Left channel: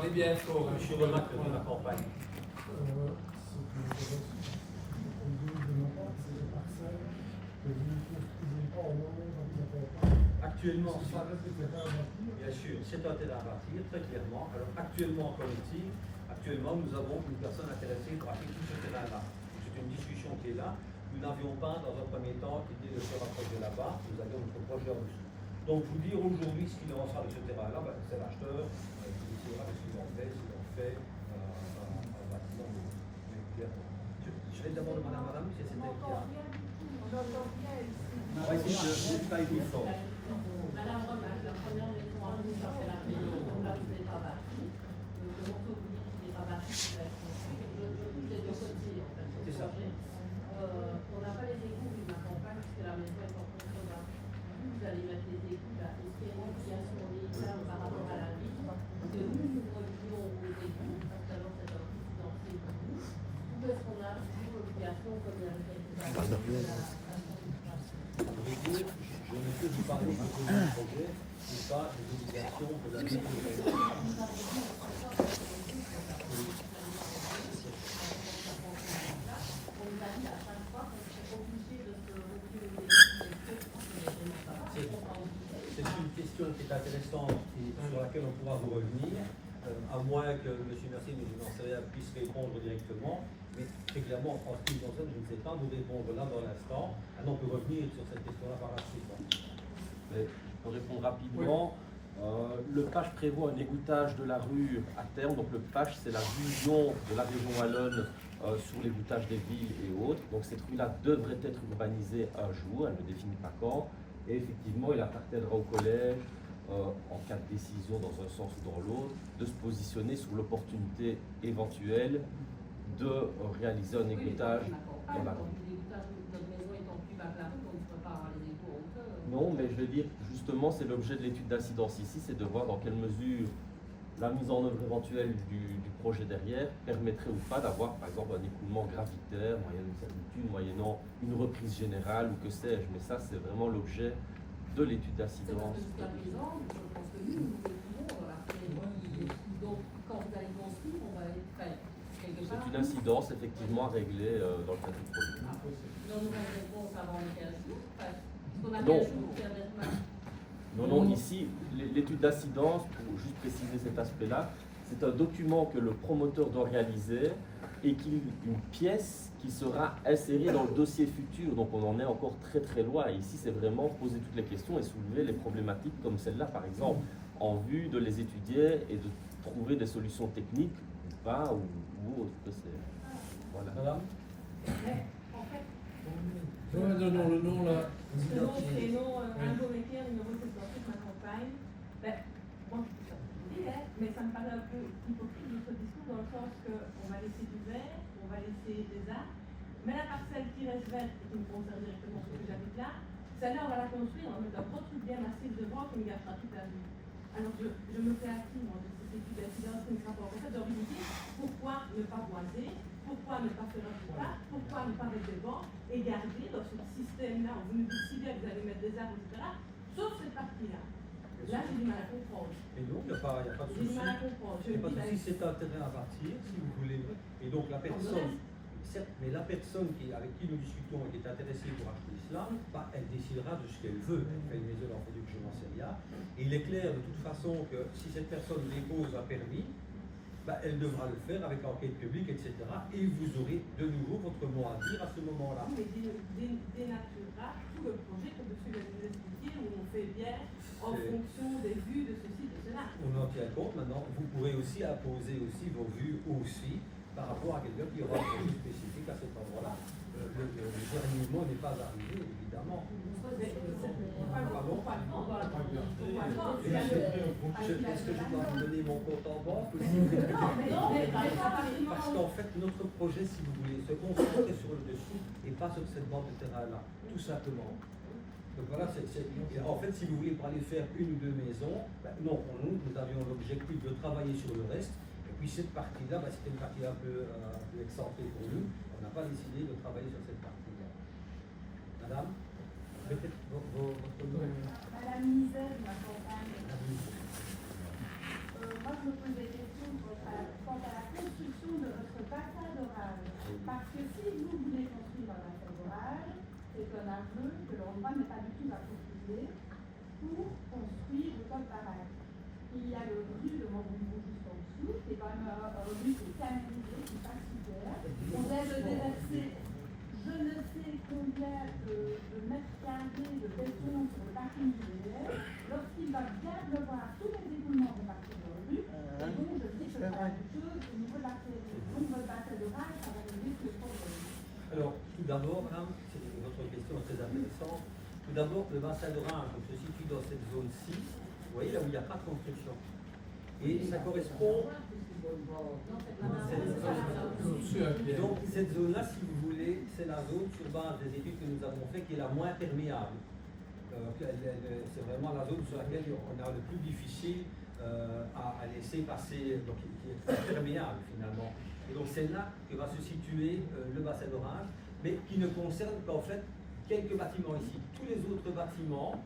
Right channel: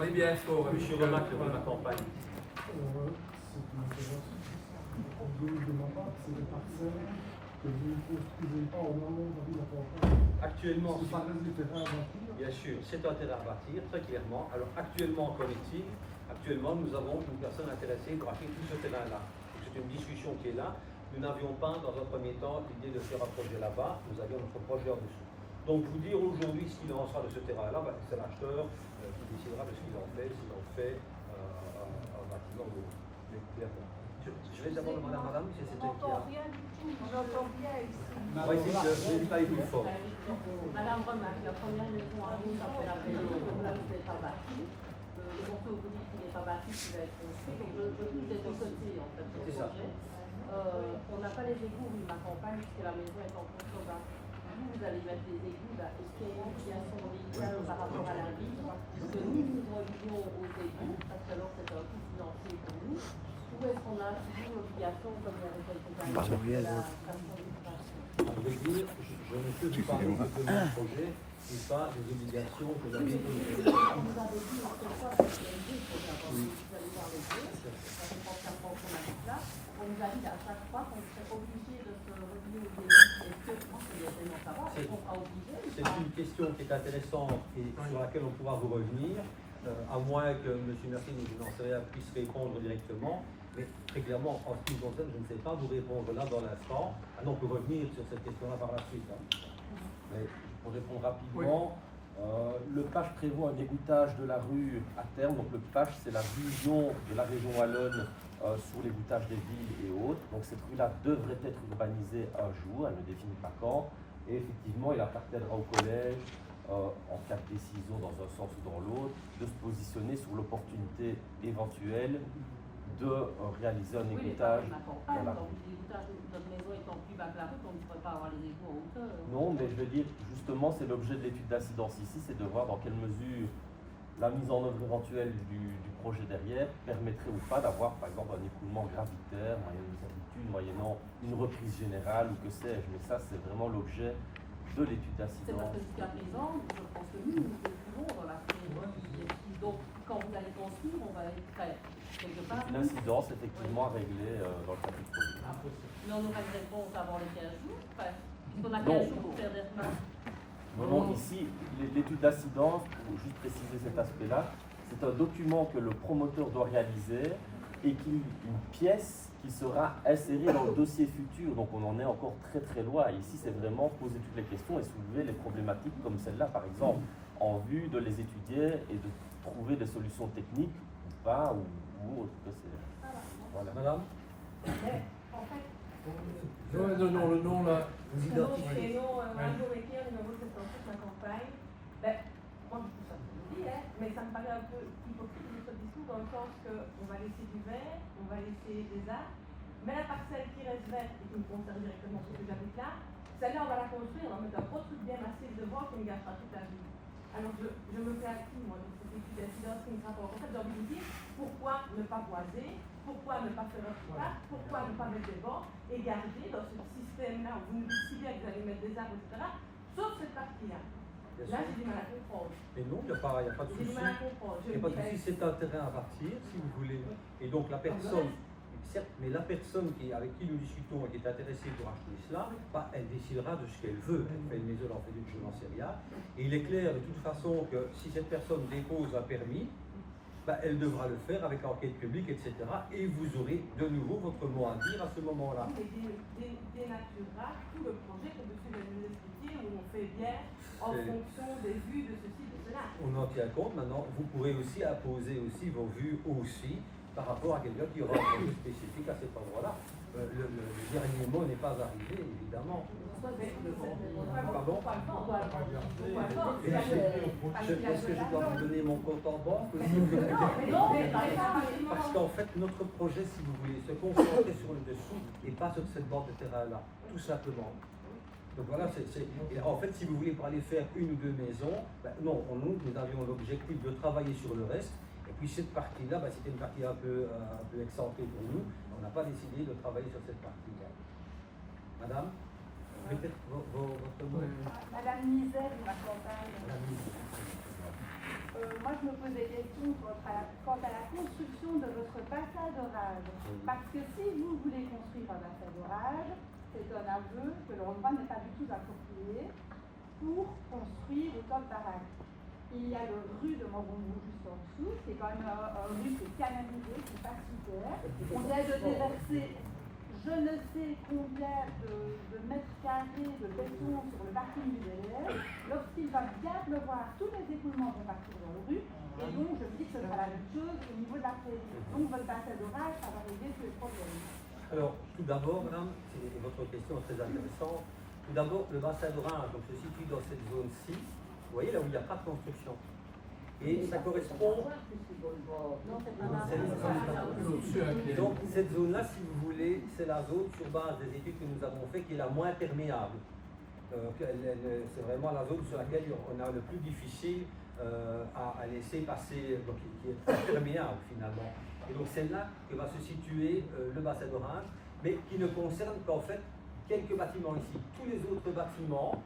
Parlez bien fort, monsieur Remac, de ma campagne. Actuellement, bien sûr, c'est un terrain à bâtir, très clairement. Alors actuellement, qu'en est-il? Actuellement, nous avons une personne intéressée pour acheter tout ce terrain-là. C'est une discussion qui est là. Nous n'avions pas, dans un premier temps, l'idée de faire un projet là-bas. Nous avions notre projet en dessous. Donc, vous dire aujourd'hui ce qu'il en sera de ce terrain-là, c'est l'acheteur qui décidera de ce qu'il en fait, s'il en fait un bâtiment ou autre. Mais clairement. Je vais d'abord demander à madame si c'était qui a. On va essayer de travailler plus fort. Madame Remac, la première maison à nous, ça fait la maison là où vous n'êtes pas bâti. Le morceau vous dit qu'il n'est pas bâti, qu'il va être construit. Donc je touche les deux côtés en fait. C'est ça. On n'a pas les égouts de ma campagne puisque la maison est en fonction d'un. Vous allez mettre les égouts, est-ce qu'il y a une obligation légale par rapport à la ville que nous relions aux égouts, parce que alors c'est un coût financier pour nous, ou est-ce qu'on a toujours l'obligation, comme il y avait quelques années, de la station d'extraction? À vrai dire, je ne peux vous parler que de mon projet et pas des obligations que la ville. Vous avez dit, en fait, ça, c'est les égouts, c'est important. Vous allez voir les égouts, ça dépend de la fonction de l'habitat. On nous a dit à chaque fois qu'on serait obligé de se relier aux égouts. C'est une question qui est intéressante et sur laquelle on pourra vous revenir, à moins que M. Mercier, je n'en sais rien, puisse répondre directement. Mais très clairement, en ce qui me concerne, je ne sais pas vous répondre là dans l'instant. On peut revenir sur cette question-là par la suite. Mais pour répondre rapidement, le PACH prévoit un égouttage de la rue à terme. Donc le PACH, c'est la vision de la région wallonne sur l'égouttage des villes et autres. Donc cette rue-là devrait être urbanisée un jour, elle ne définit pas quand. Et effectivement, il appartiendra au collège, en cas de décision dans un sens ou dans l'autre, de se positionner sur l'opportunité éventuelle de réaliser un égouttage dans la rue. Non, mais je veux dire, justement, c'est l'objet de l'étude d'incidence ici, c'est de voir dans quelle mesure la mise en œuvre éventuelle du projet derrière permettrait ou pas d'avoir, par exemple, un écoulement gravitaire, moyennant une servitude, moyennant une reprise générale ou que sais-je. Mais ça, c'est vraiment l'objet de l'étude d'incidence. C'est parce que jusqu'à présent, je pense que nous écoulons après. Donc, quand vous allez construire, on va être prêt. C'est une incidence, effectivement, à régler dans le cadre du projet. Mais on aura une réponse avant les 15 jours, parce qu'on a 15 Non. jours pour faire des plans. Non, ici, l'étude d'incidence, pour juste préciser cet aspect-là, c'est un document que le promoteur doit réaliser et une pièce qui sera insérée dans le dossier futur. Donc on en est encore très très loin. Ici, c'est vraiment poser toutes les questions et soulever les problématiques comme celle-là, par exemple, en vue de les étudier et de trouver des solutions techniques ou pas, ou autre que c'est. Voilà. Madame? Mais, en fait, Non, le nom là. le nom, c'est non, un jour écrire, numéro 78, ma campagne. Ben, moi, ça me dit, mais ça me paraît un peu hypocrite notre discours dans le sens qu'on va laisser du vert, on va laisser des arbres, mais la parcelle qui reste verte et qui me concerne directement parce que j'habite là, celle-là, on va la construire, on va mettre un gros truc bien massif devant qui me gâchera toute la vie. Alors je me fais à qui, moi, de cette étude d'incidence qui me rapporte. En fait, j'ai envie de vous dire, pourquoi ne pas boiser, pourquoi ne pas faire un parc, pourquoi ne pas mettre des bancs et garder dans ce système-là où vous nous dites si bien que vous allez mettre des arbres, etc., sauf cette partie-là. Là, j'ai du mal à comprendre. Mais non, il n'y a pas de J'ai souci. du mal à comprendre. Il n'y a pas de souci, c'est un terrain à partir, si vous voulez. Et donc la personne, certes, mais la personne avec qui nous discutons et qui est intéressée pour acheter cela, elle décidera de ce qu'elle veut. Elle fait une maison, elle en fait une, je n'en sais rien. Et il est clair de toute façon que si cette personne dépose un permis, elle devra le faire avec enquête publique, etc. Et vous aurez de nouveau votre mot à dire à ce moment-là. Mais dénaturera tout le projet que monsieur vient de nous expliquer, où on fait bien en fonction des vues de ceci, de cela. On en tient compte maintenant. Vous pourrez aussi imposer aussi vos vues aussi par rapport à quelqu'un qui aura un projet spécifique à cet endroit-là. Le dernier mot n'est pas arrivé, évidemment. Pardon? Est-ce que je dois vous donner mon compte en banque aussi? Parce qu'en fait, notre projet, si vous voulez, se concentrer sur le dessous et pas sur cette bande de terrain-là, tout simplement. Donc voilà, en fait, si vous voulez, pour aller faire une ou deux maisons, non, nous avions l'objectif de travailler sur le reste. Et puis cette partie-là, c'était une partie un peu excentrée pour nous. On n'a pas décidé de travailler sur cette partie-là. Madame, peut-être votre nom. À la ministère de ma campagne. Madame. Moi, je me pose des questions quant à la construction de votre bassin d'orage. Parce que si vous voulez construire un bassin d'orage, c'est un aveu que l'endroit n'est pas du tout approprié pour construire une coque barrage. Il y a le rue de Montbonneau juste en dessous, c'est quand même un rue qui est canalisé, qui est pas super. On vient de déverser je ne sais combien de mètres carrés de béton sur le parking du VDF. Lorsqu'il va bien pleuvoir, tous les écoulements vont partir dans la rue. Et donc, je dis que c'est la même chose au niveau de la faute. Donc, votre bassin d'orage, ça va régler tous les problèmes. Alors, tout d'abord, madame, c'est votre question est très intéressante. Tout d'abord, le bassin d'orage se situe dans cette zone 6, vous voyez là où il n'y a pas de construction. Et ça correspond. Et donc, cette zone-là, si vous voulez, c'est la zone sur base des études que nous avons faites qui est la moins perméable. C'est vraiment la zone sur laquelle on a le plus difficile à laisser passer, donc qui est très perméable finalement. Et donc, c'est là que va se situer le bassin d'orage, mais qui ne concerne qu'en fait quelques bâtiments ici. Tous les autres bâtiments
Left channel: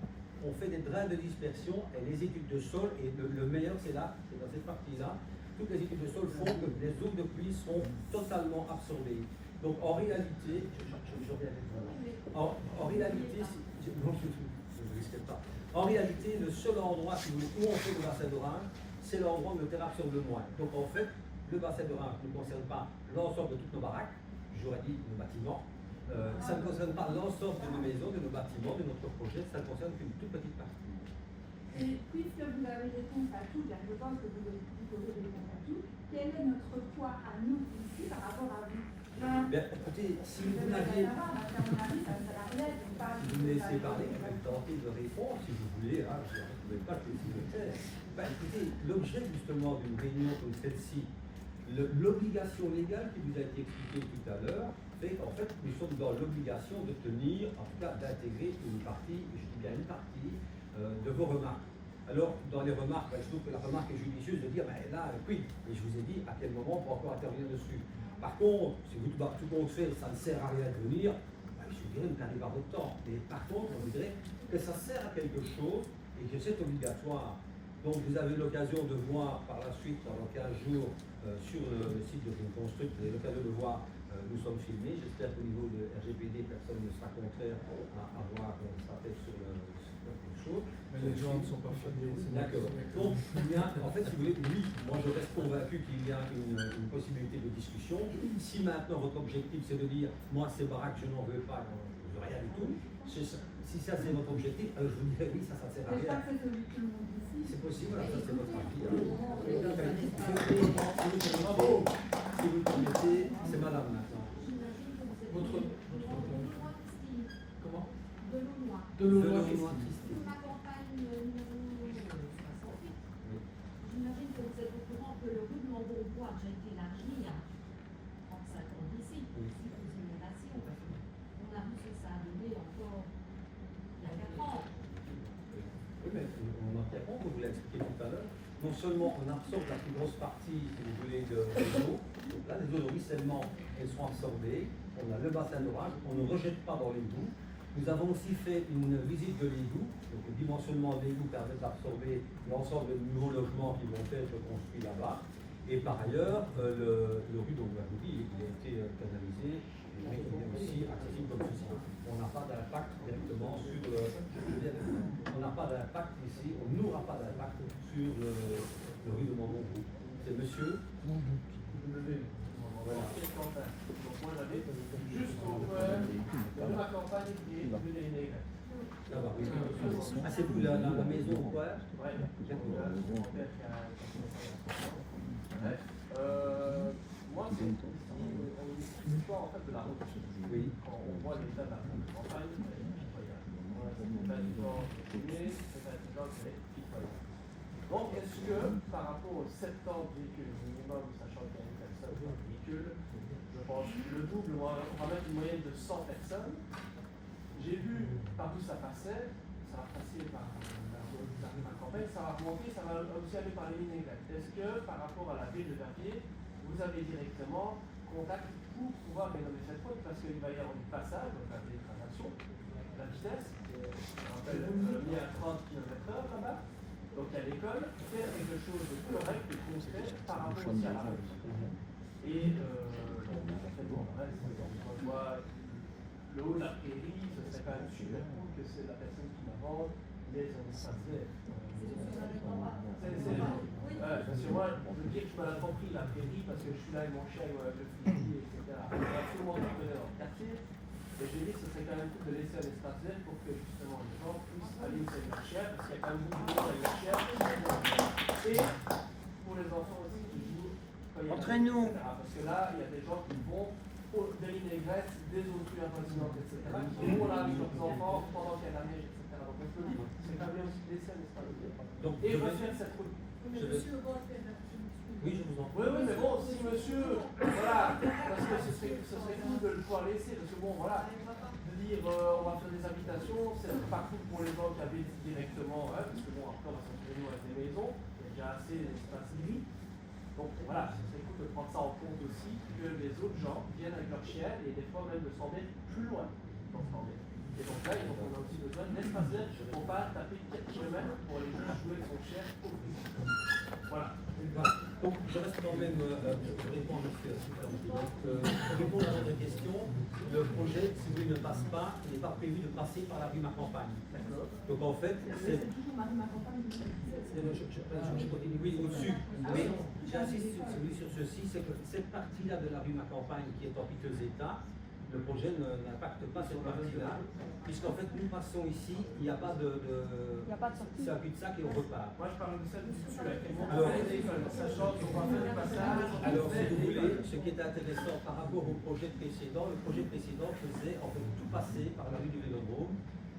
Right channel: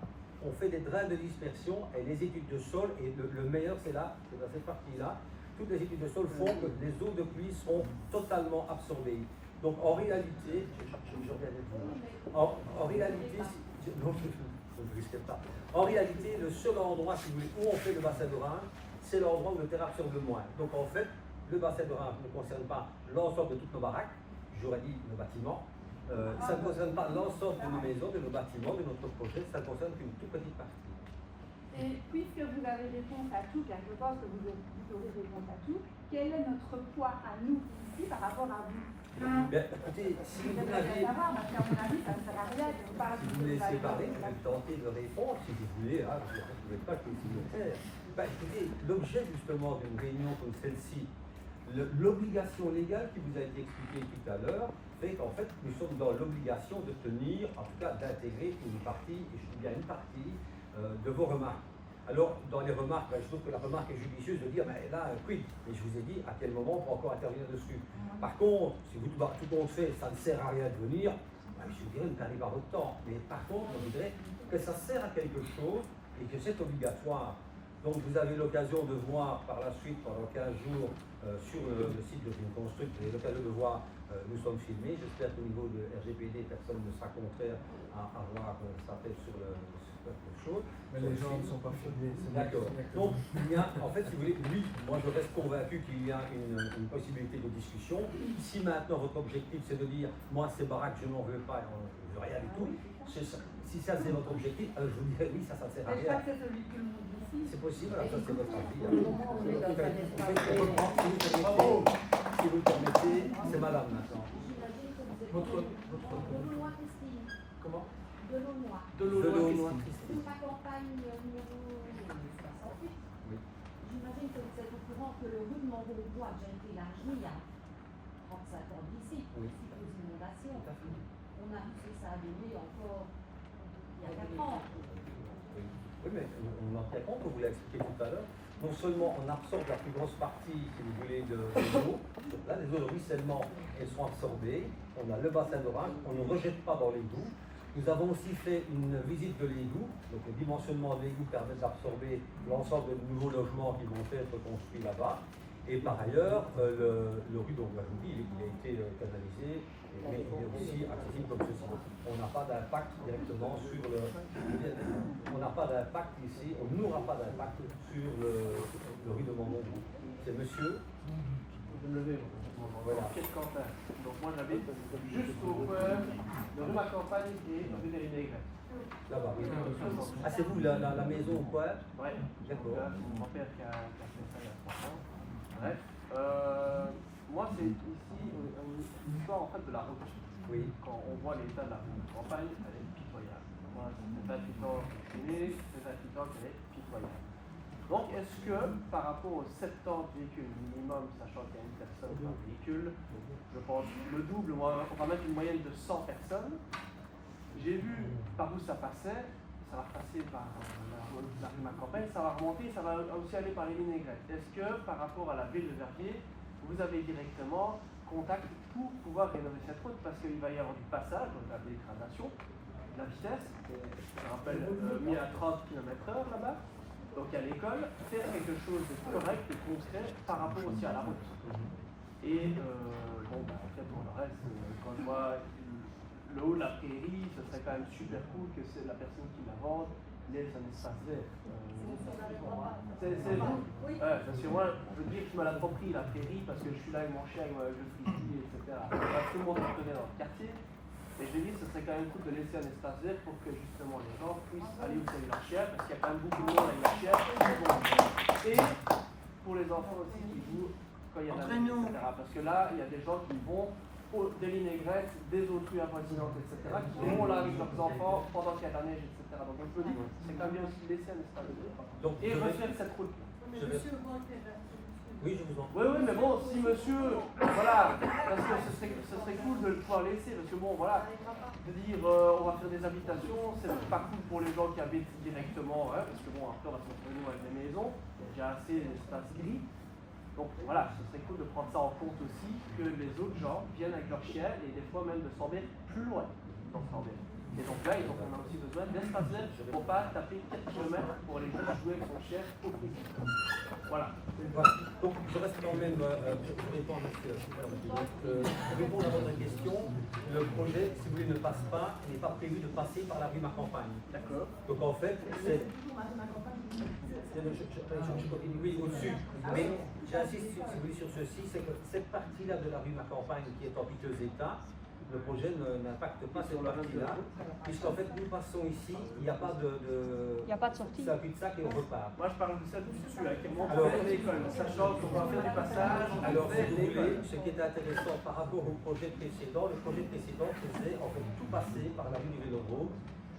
on fait des drains de dispersion et les études de sol, et le meilleur c'est là, c'est dans cette partie-là, toutes les études de sol font que les eaux de pluie seront totalement absorbées. Donc en réalité, en réalité, non, je ne risquais pas. En réalité, le seul endroit, si vous voulez, où on fait le bassin d'orage, c'est l'endroit où le terrain absorbe le moins. Donc en fait, le bassin d'orage ne concerne pas l'ensemble de toutes nos baraques, j'aurais dit nos bâtiments. Ça ne concerne pas l'ensemble de nos maisons, de nos bâtiments, de notre projet, ça ne concerne qu'une toute petite partie. Et puisque vous avez réponse à tout, car je pense que vous aurez réponse à tout, quel est notre poids à nous ici par rapport à vous? Bien, écoutez, si vous n'aviez... Si vous me laissez parler, je vais tenter de répondre, si vous voulez, hein, je ne pouvais pas que si je le fais. Ben, écoutez, l'objet justement d'une réunion comme celle-ci, l'obligation légale qui vous a été expliquée tout à l'heure, fait qu'en fait, nous sommes dans l'obligation de tenir, en tout cas d'intégrer une partie, je dis bien une partie, de vos remarques. Alors, dans les remarques, ben, je trouve que la remarque est judicieuse de dire, ben, là, quid? Et je vous ai dit à quel moment on peut encore intervenir dessus. Par contre, si vous tout compte fait, ça ne sert à rien de venir, ben, je dirais, nous n'arrive à votre temps. Mais par contre, on dirait que ça sert à quelque chose et que c'est obligatoire. Donc, vous avez l'occasion de voir par la suite, pendant 15 jours, sur le site de Construct, vous avez l'occasion de voir, nous sommes filmés. J'espère qu'au niveau de RGPD, personne ne sera contraire à voir ça fait sur le chose. Mais les gens ne sont pas filmés. D'accord. Donc, il y a, en fait, si vous voulez, oui, moi je reste convaincu qu'il y a une possibilité de discussion. Si maintenant votre objectif c'est de dire, moi ces baraques, je n'en veux pas, je ne veux rien du tout, si ça c'est votre objectif, alors je vous dirais oui, ça ne sert à rien. C'est possible, alors ça c'est votre avis. Si vous le permettez, c'est madame maintenant. Votre comment? De l'eau Christine. Ma campagne numéro 68. Oui. J'imagine que vous êtes au courant que le rue de Montbonneau a déjà été élargi il y a 35 ans d'ici. Oui. Suite aux inondations. On a vu que ça a donné encore il y a 4 ans. Oui, mais on en tient compte, on vous l'a expliqué tout à l'heure. Non seulement on absorbe la plus grosse partie, si vous voulez, de l'eau, donc là, les eaux de ruissellement, elles sont absorbées, on a le bassin d'orage, on ne rejette pas dans l'égout. Nous avons aussi fait une visite de l'égout, donc le dimensionnement de l'égout permet d'absorber l'ensemble des nouveaux logements qui vont être construits là-bas. Et par ailleurs, le rue, donc, je vous dis, il a été canalisé, mais il est aussi accessible comme ceci. On n'a pas d'impact directement sur le... On n'a pas d'impact ici, on n'aura pas d'impact sur le rue de Montbonneau. C'est monsieur. Voilà. Donc moi j'avais juste au coin de ma campagne qui est de Négret. Là-bas, oui. Ah, c'est vous, la maison ou quoi? Oui. D'accord. Mon père qui a... Bref. Moi c'est ici l'histoire en fait de la route. Oui. Quand on voit l'état de la campagne, c'est pitoyable. C'est un habitant né, c'est un habitant qui est pitoyable. Donc est-ce que par rapport aux 70 véhicules minimum, sachant qu'il y a une personne dans le véhicule, je pense le double, on va mettre une moyenne de 100 personnes. J'ai vu par où ça passait, ça va passer par ma campagne, ça va remonter, ça va aussi aller par les Négrets. Est-ce que par rapport à la ville de Verviers, vous avez directement contact pour pouvoir rénover cette route parce qu'il va y avoir du passage, donc la dégradation, la vitesse, je rappelle, mis à 30 km/h là-bas. Donc à l'école, faire quelque chose de correct pour concret par rapport aussi à la route. Et bon, quand je vois le haut de la prairie, ce serait quand même super cool que c'est la personne qui la vende laisse un espace vert. Parce que moi, je veux dire, je me l'ai compris la prairie parce que je suis là avec mon chien, avec le fusil, etc. Tout le monde me connaît dans le quartier. Et j'ai dit que ce serait quand même cool de laisser un espace vert pour que justement les gens puissent aller où c'est la chair, parce qu'il y a quand même beaucoup de monde avec la chair qui vont. Et pour les enfants aussi qui jouent quand il y a la Entraîne-nous. etc. Parce que là, il y a des gens qui vont pour des vinaigrettes, des autres avoisinantes, etc. qui vont là avec leurs enfants pendant qu'il y a la neige, etc. Donc je me dis, c'est quand même bien aussi de laisser un espace vert. Donc, Et je vais- refaire cette route. Oui, je vous en prie. Oui, mais bon, si monsieur, voilà, parce que ce serait cool de le pouvoir laisser, parce que bon, voilà, de dire on va faire des habitations, c'est pas cool pour les gens qui habitent directement, parce que bon, après on va se retrouver avec des maisons, il y a déjà assez d'espace gris. Donc voilà, ce serait cool de prendre ça en compte aussi, que les autres gens viennent avec leur chien et des fois même de s'en mettre plus loin dans s'en mettre. Et donc là, on a aussi besoin d'espace vert pour pas taper 4 km pour aller jouer avec son chien au fusil. Voilà. Voilà. Donc, je reste quand même, je réponds à monsieur. Donc, pour répondre à votre question, le projet, si vous voulez, ne passe pas, il n'est pas prévu de passer par la rue Marcampagne. D'accord. Donc, en fait, c'est. toujours ma campagne. Je continue, oui, au-dessus. Mais j'insiste, si vous voulez, sur ceci, c'est que cette partie-là de la rue Marcampagne qui est en piteux état, le projet n'impacte pas cette partie-là, puisqu'en fait, nous passons ici, il n'y a pas de. Il n'y a pas de sortie. C'est un cul-de-sac et on repart. Moi, je parle de ça, Alors, sachant qu'on va faire des passages. Alors, si vous voulez, ce qui est intéressant par rapport au projet précédent, le projet précédent faisait en fait tout passer par la rue du Vélodrome.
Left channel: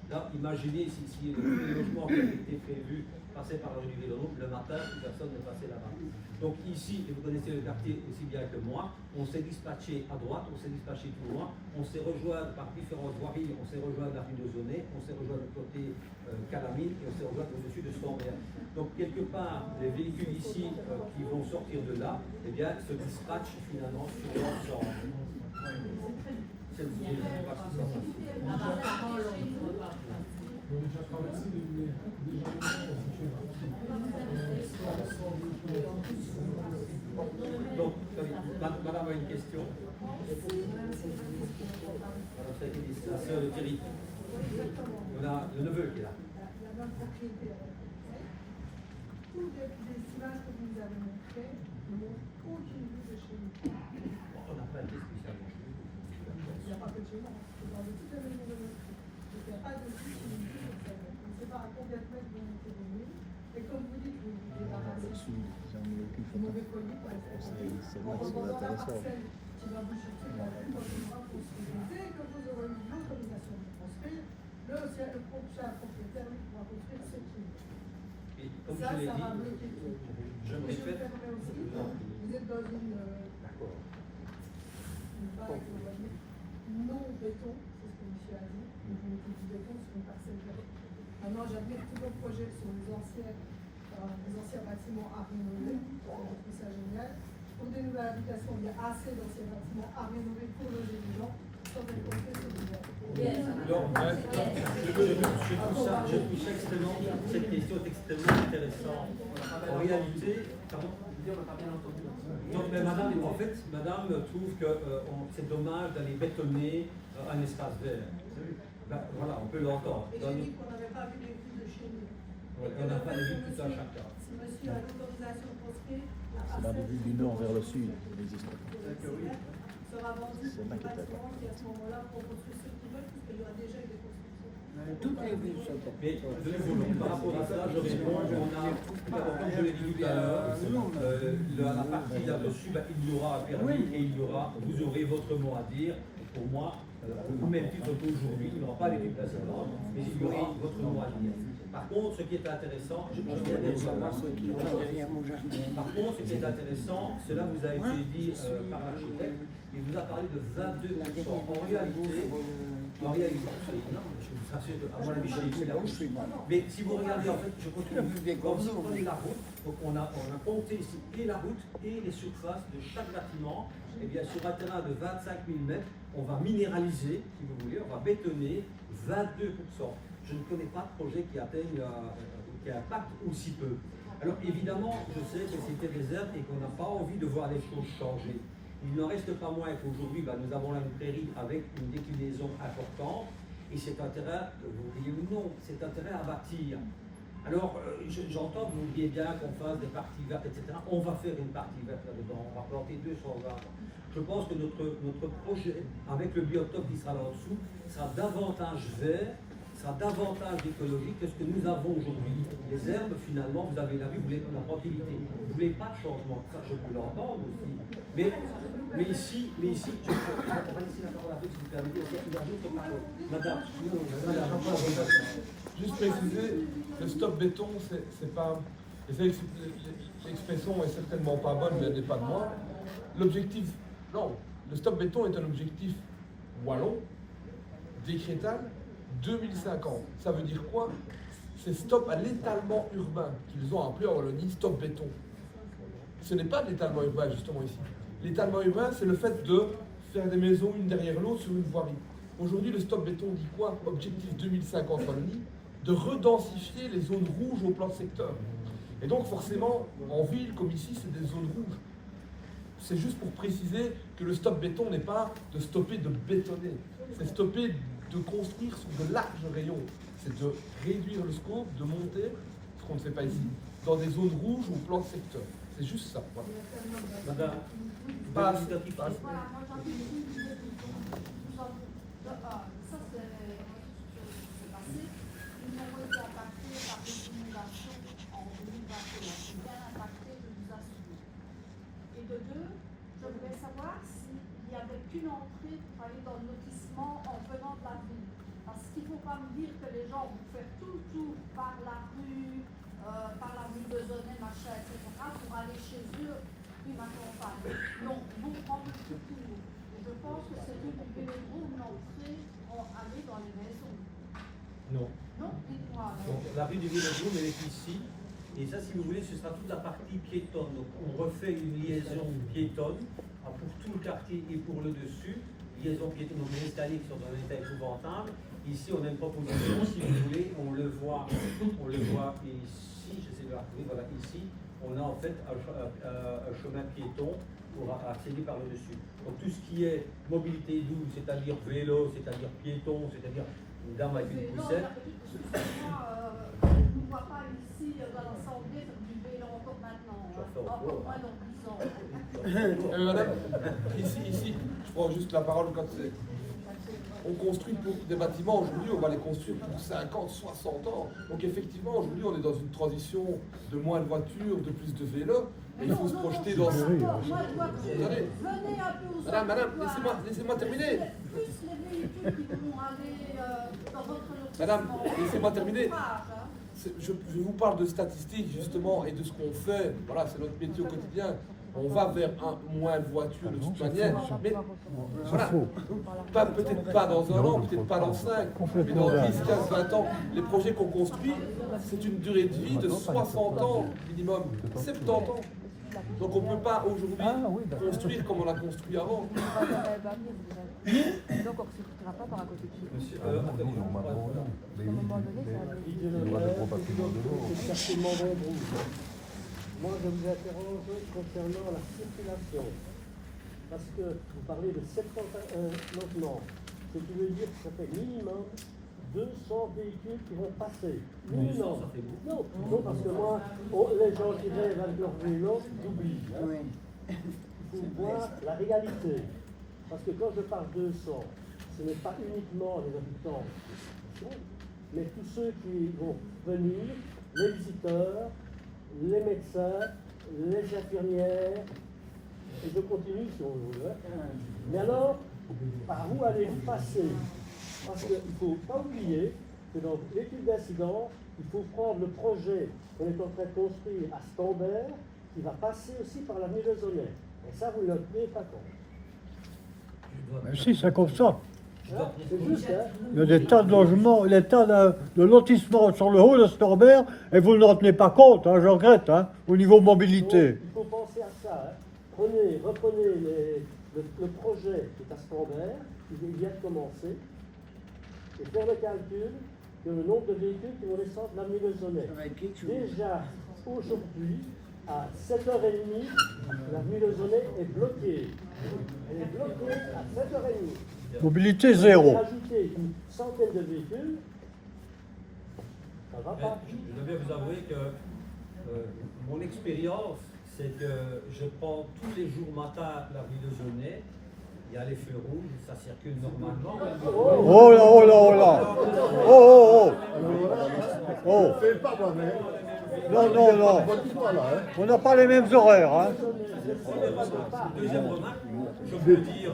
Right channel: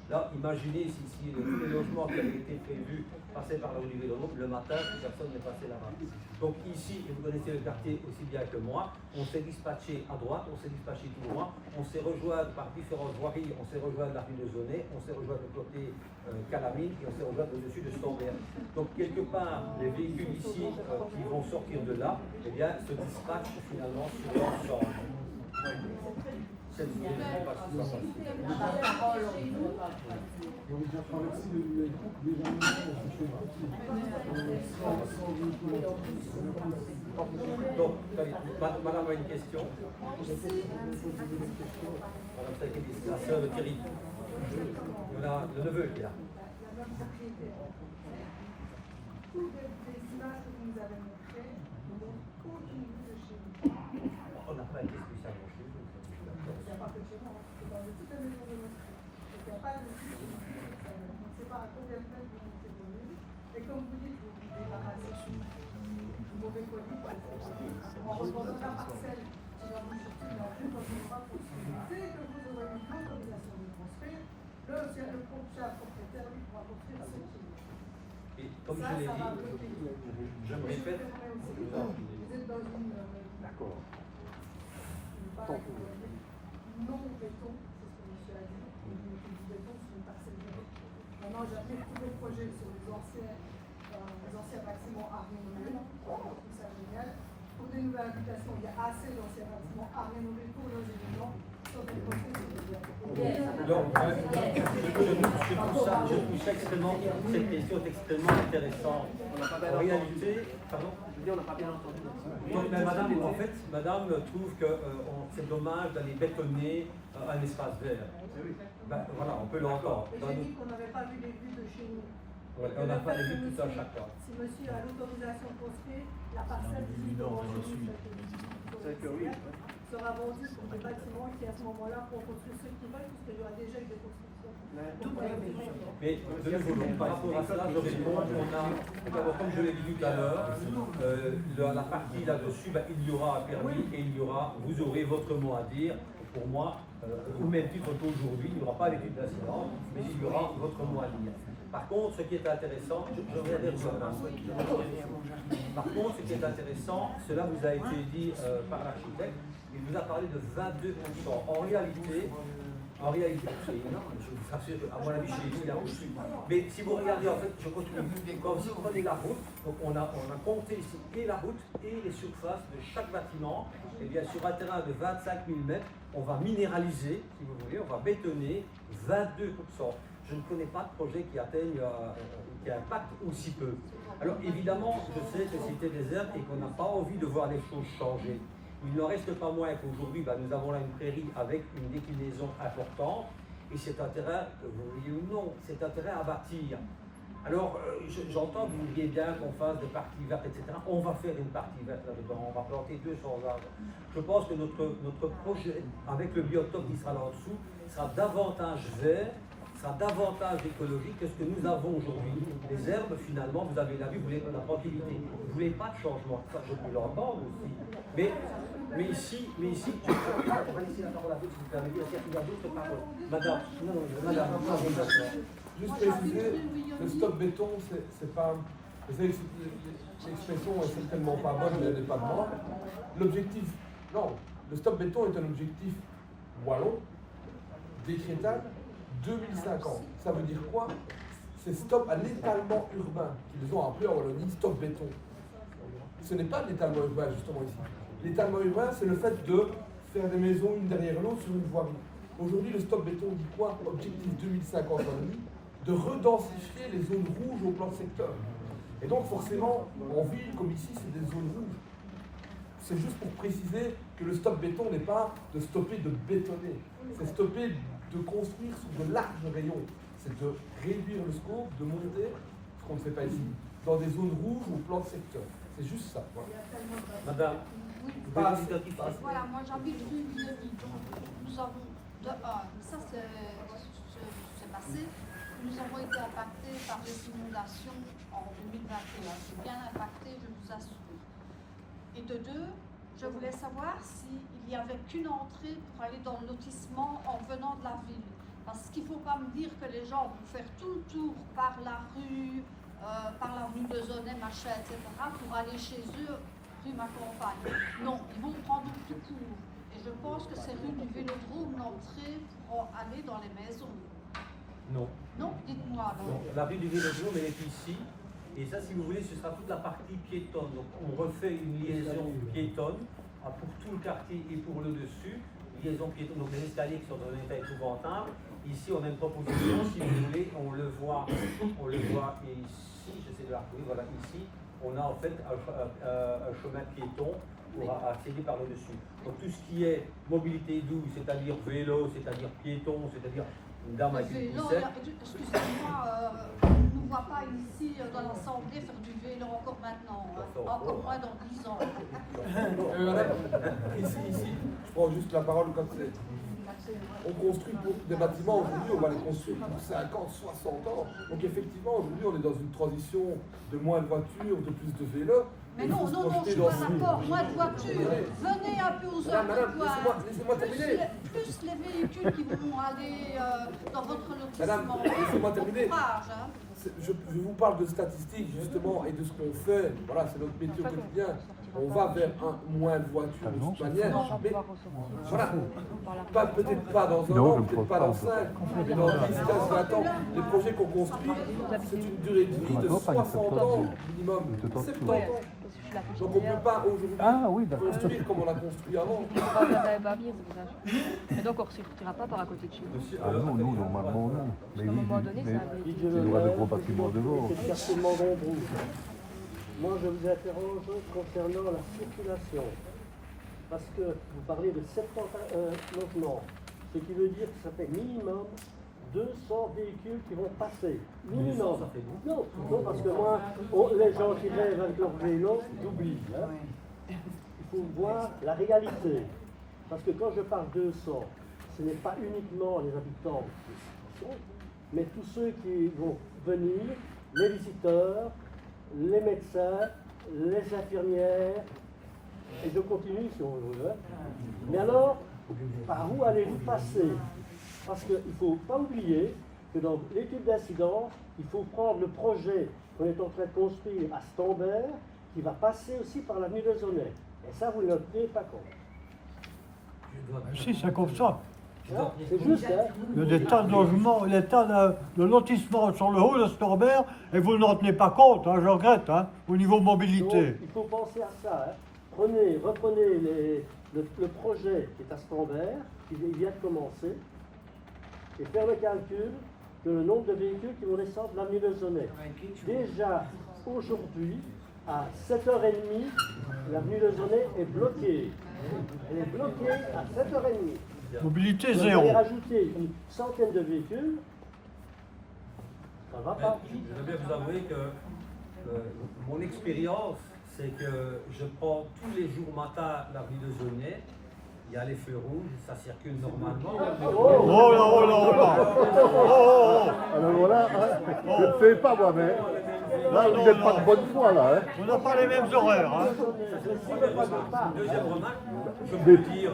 Là, imaginez si tous les logements qui avaient été prévus passaient par la rue du Vélodrome, le matin, plus personne ne passait là-bas. Donc ici, et vous connaissez le quartier aussi bien que moi, on s'est dispatché à droite, on s'est dispatché tout droit, on s'est rejoint par différentes voiries, on s'est rejoint de la rue de Zonnet, on s'est rejoint de côté Calamine et on s'est rejoint au-dessus de Stambert. Donc quelque part, les véhicules ici qui vont sortir de là, eh bien, se dispatchent finalement sur l'ensemble. C'est On a déjà traversé les groupes déjà sur ce chemin. Donc, madame a une question. Madame Sakidis, la sœur de Thierry. On a le neveu qui est là. Notre propriétaire. Tous les images que vous nous avez montrées ne montrent aucune vue de chez nous. On n'a pas été spécialement chez nous. Il n'y a pas que chez moi, c'est dans toutes les maisons de notre vie. Il n'y a pas de vue chez nous. On ne sait pas à combien de mètres vous êtes venus. Et comme vous dites, vous vous débarrassez du mauvais colis pour être poli. En revendant la parcelle qui va vous chercher la vue, donc on va construire. Dès que vous aurez une autorisation de construire, le prochain propriétaire lui pourra construire ce qu'il veut. Et comme Ça, je l'ai ça va dit, bloquer le truc. je me répète. Vous êtes dans une baraque, on va dire, non au béton, c'est ce que monsieur a dit, donc vous mettez du béton sur une parcelle verte. Maintenant, j'applique tous vos projets sur les anciens bâtiments à rénover, je trouve ça génial. Pour des nouvelles habitations, il y a assez d'anciens bâtiments à rénover pour loger les gens, sans être compris, c'est génial. Donc, je trouve ça extrêmement, cette question est extrêmement intéressante. En réalité, pardon. Donc, mais madame, en fait, madame trouve que c'est dommage d'aller bétonner un espace vert. Ben, voilà, on peut l'entendre. J'ai dit qu'on n'avait pas vu les vues de chez nous. Voilà, on n'a pas les vues tout à chacun. Si monsieur a l'autorisation de construire, la parcelle vue du nord vers le sud. sera vendue pour des bâtiments qui à ce moment-là pourront construire ceux qui veulent, puisqu'il y aura déjà eu des constructions. Mais de nouveau, donc, par rapport à cela, je réponds, comme je l'ai dit tout à l'heure, la partie là-dessus, ben, il y aura un permis et vous aurez votre mot à dire. Pour moi, au même titre qu'aujourd'hui, il n'y aura pas l'étude d'incidence, mais il y aura votre mot à dire. Par contre, ce qui est intéressant, Par contre, ce qui est intéressant, cela vous a été dit par l'architecte, il vous a parlé de 22%. En réalité, je vous assure qu'à mon avis, chez nous, il y a plus. Mais si vous regardez, en fait, je continue. Quand vous prenez la route, donc on a compté ici et la route et les surfaces de chaque bâtiment. Et bien sur un terrain de 25 000 mètres, on va minéraliser, si vous voulez, on va bétonner 22%. Je ne connais pas de projet qui impacte aussi peu. Alors évidemment, je sais que c'était des herbes et qu'on n'a pas envie de voir les choses changer. Il n'en reste pas moins qu'aujourd'hui, nous avons là une prairie avec une déclinaison importante et c'est un terrain, vous voyez ou non, c'est un terrain à bâtir. Alors, j'entends que vous vouliez bien qu'on fasse des parties vertes, etc. On va faire une partie verte là-dedans, on va planter 200 arbres. Je pense que notre projet, avec le biotope qui sera là en dessous, sera davantage vert, sera davantage écologique que ce que nous avons aujourd'hui. Les herbes, finalement, vous avez la vue, vous voulez la tranquillité. Vous ne voulez pas de changement. Enfin, je peux l'entendre aussi. Mais ici, on va laisser la parole à vous, si vous permettez, parce qu'il y a d'autres paroles. Madame, madame. Juste préciser, le stop béton, c'est pas. L'expression est certainement pas bonne, mais elle n'est pas de moi. L'objectif. Non, le stop béton est un objectif wallon, décrétal, 2050. Ça veut dire quoi? C'est stop à l'étalement urbain, qu'ils ont appelé en Wallonie stop béton. Ce n'est pas l'étalement urbain, justement, ici. L'étalement urbain, c'est le fait de faire des maisons une derrière l'autre sur une voirie. Aujourd'hui, le stop béton dit quoi? Objectif 2050 Wallonie, de redensifier les zones rouges au plan de secteur. Et donc, forcément, en ville comme ici, c'est des zones rouges. C'est juste pour préciser que le stop béton n'est pas de stopper de bétonner, c'est stopper de construire sur de larges rayons. C'est de réduire le scope, de monter, ce qu'on ne fait pas ici, dans des zones rouges ou au plan de secteur. C'est juste ça. Voilà. Madame, Voilà, moi j'ai envie de dire, nous avons, ça c'est passé, nous avons été impactés par les inondations en 2021. C'est bien impacté, je vous assure. Et de deux, je voulais savoir s'il n'y avait qu'une entrée pour aller dans le lotissement en venant de la ville. Parce qu'il ne faut pas me dire que les gens vont faire tout le tour par la rue de Zonnet, machin, etc., pour aller chez eux, rue ma campagne. Non, ils vont prendre tout le tour. Et je pense que c'est rue du Vélodrome, l'entrée pour aller dans les maisons. non. Non, dites-moi. Non, la rue du Vélodrome, elle est ici. Et ça, si vous voulez, ce sera toute la partie piétonne. Donc, on refait une liaison piétonne pour tout le quartier et pour le dessus. Liaison piétonne, donc les escaliers qui sont dans un état épouvantable. Ici, on a une proposition, si vous voulez, on le voit ici, j'essaie de la retrouver, voilà, ici, on a en fait un chemin piéton pour accéder par le dessus. Donc, tout ce qui est mobilité douce, c'est-à-dire vélo, c'est-à-dire piéton, c'est-à-dire une dame avec une poussette. Excusez-moi, on ne voit pas ici dans l'Assemblée faire du vélo encore maintenant. Encore moins dans 10 ans. Madame, ici, je prends juste la parole quand c'est. On construit pour des bâtiments, aujourd'hui, on va les construire pour 50, 60 ans. Donc effectivement, aujourd'hui, on est dans une transition de moins de voitures, de plus de vélos. Mais il faut se projeter je dans... suis d'accord, moins de voitures. Regardez. Venez un peu aux Madame, laissez-moi terminer. Plus les véhicules qui vont aller dans votre lotissement. Madame, laissez-moi terminer. Courage, Je vous parle de statistiques, justement, et de ce qu'on fait. Voilà, c'est notre métier au quotidien. On va vers moins de voitures de toute manière. Mais voilà, peut-être pas dans un an, peut-être pas dans 5, mais dans 10, 15, 20 ans. Les projets qu'on construit, c'est une durée de vie de 60 ans minimum, 70 ans. Donc on ne peut pas aujourd'hui construire comme on l'a construit avant. Donc on ne sortira pas par à côté de chez nous. Monsieur, Non, nous, on va pas. Mais oui, mais il y aura des gros bâtiments devant. Moi, je vous interroge concernant la circulation. Parce que vous parlez de 70 logements, ce qui veut dire que ça fait minimum 200 véhicules qui vont passer. 200, ça fait beaucoup. Non, parce que les gens qui rêvent avec leur vélo oublient. Il faut voir la réalité. Parce que quand je parle 200, ce n'est pas uniquement les habitants, mais tous ceux qui vont venir, les visiteurs, les médecins, les infirmières, et je continue si on veut. Mais alors, par où allez-vous passer? Parce qu'il ne faut pas oublier que dans l'étude d'incidence, il faut prendre le projet qu'on est en train de construire à Stambert, qui va passer aussi par l'avenue de Zonnet. Et ça, vous ne le tenez pas compte. Si, c'est comme ça. C'est juste, hein. Il y a des tas de logements, des tas de lotissements sur le haut de Stambert, et vous n'en tenez pas compte, hein, je regrette, hein, au niveau mobilité. Donc, il faut penser à ça. Hein. Reprenez le projet qui est à Stambert, qui vient de commencer, et faire le calcul de le nombre de véhicules qui vont descendre l'avenue de Zonnet. Déjà, aujourd'hui, à 7h30, l'avenue de Zonnet est bloquée. Elle est bloquée à 7h30. Mobilité zéro. Rajouter une centaine de véhicules, ça va Mais pas. je dois bien vous avouer que mon expérience, c'est que je prends tous les jours matin la rue de Zonnet. Il y a les feux rouges, ça circule normalement. Oh là, oh là, oh là. Oh, oh, Alors voilà, oh. je ne fais pas moi, mais Non, non, non. bonne foi là. Hein. On n'a pas les mêmes horaires. Hein. Ça, c'est la première remarque. Deuxième remarque, je peux dire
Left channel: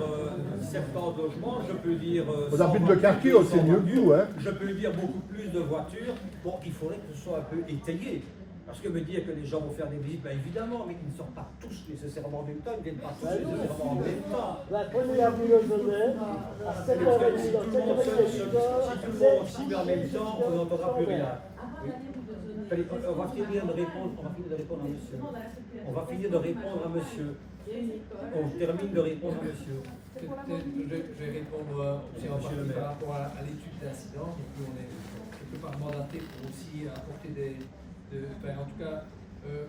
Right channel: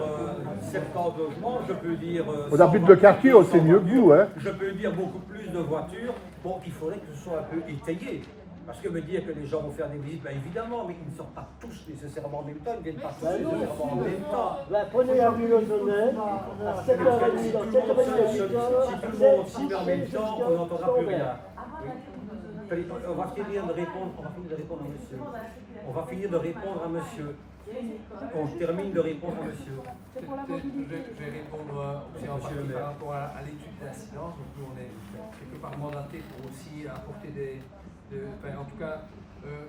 70 logements, je peux dire. On habite le quartier, on sait mieux que vous. Hein. Je peux dire beaucoup plus de voitures. Bon, il faudrait que ce soit un peu étayé. Parce que me dire que les gens vont faire des visites, ben évidemment, mais ils ne sortent pas tous nécessairement en même temps, ils ne viennent pas tous nécessairement en même temps. Prenez la rue de Zonnet, à 7h30. Si tout le monde s'y met en même temps, on n'entendra plus rien. Oui. On va finir de répondre à monsieur. On va finir de répondre à monsieur. On termine de répondre à monsieur. Je vais répondre aussi en partie par rapport à l'étude d'incidence. Donc nous, on est quelque part mandaté pour aussi apporter en tout cas,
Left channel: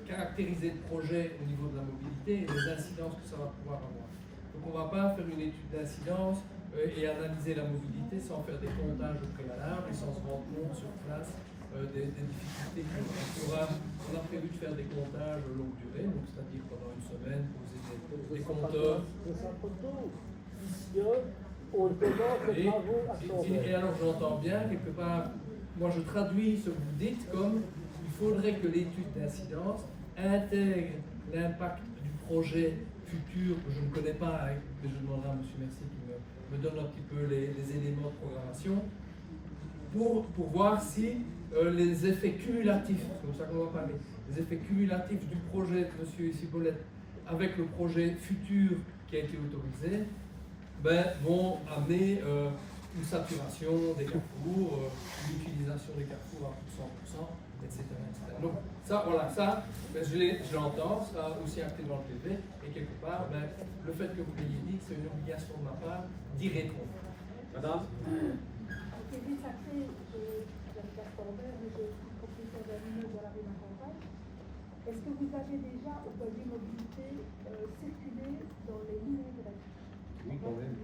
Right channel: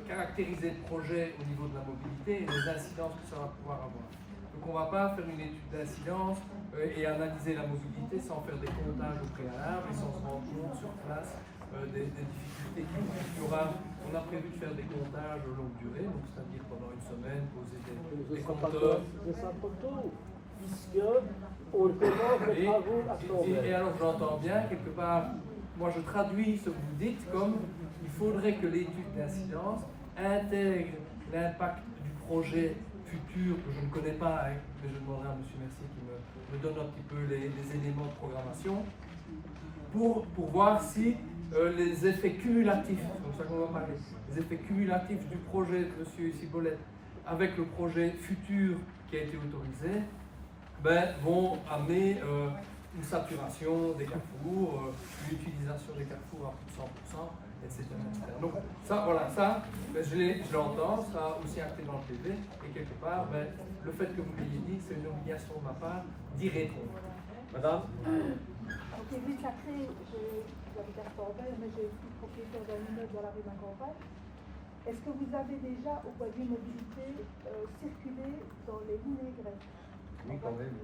caractériser le projet au niveau de la mobilité et les incidences que ça va pouvoir avoir. Donc on ne va pas faire une étude d'incidence et analyser la mobilité sans faire des comptages au préalable et sans se rendre compte sur place des difficultés qu'il y aura. Donc, on a prévu de faire des comptages longue durée, donc c'est-à-dire pendant une semaine, poser des compteurs. Et alors j'entends bien, quelque part, moi je traduis ce que vous dites comme il faudrait que l'étude d'incidence intègre l'impact du projet futur que je ne connais pas, hein, mais je demanderai à M. Mercier qui me donne un petit peu les éléments de programmation pour voir si les effets cumulatifs, c'est comme ça qu'on va parler, les effets cumulatifs du projet de M. Cibolette avec le projet futur qui a été autorisé vont amener une saturation des carrefours, une utilisation des carrefours à plus de 100%, etc. Donc ça, voilà, ça, je l'entends, ça sera aussi acté dans le PV, et quelque part, le fait que vous l'ayez dit, c'est une obligation de ma part d'y répondre. Madame est-ce que vous avez déjà, au point de vue mobilité, circulé dans les lignes directes? Oui, quand même.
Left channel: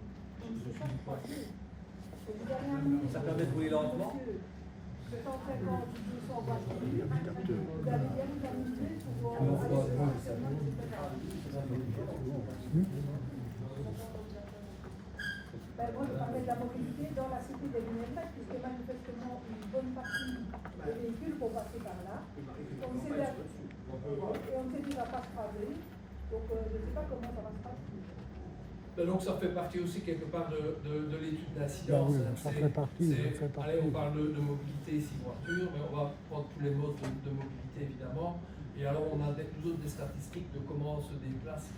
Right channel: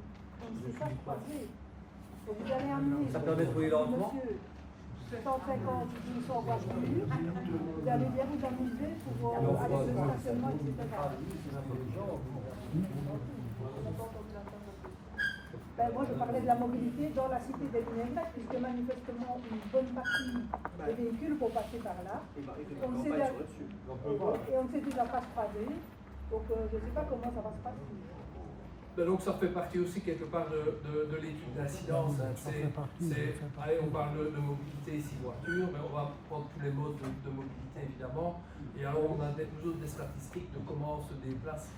Ça permet de rouler lentement. 150, 200 voitures. Vous avez bien organisé pour Mais on fera moi, je parlais de la mobilité dans la cité des Lunettes, puisque manifestement, une bonne partie des véhicules vont passer par là. Donc, c'est là. Et on sait que ça passe par là. Donc, je ne sais pas comment ça va se passer. Donc ça fait partie aussi quelque part de l'étude d'incidence. Allez, on parle de mobilité ici, voiture, mais on va prendre tous les modes de mobilité évidemment. Et alors on a nous autres des statistiques de comment on se déplace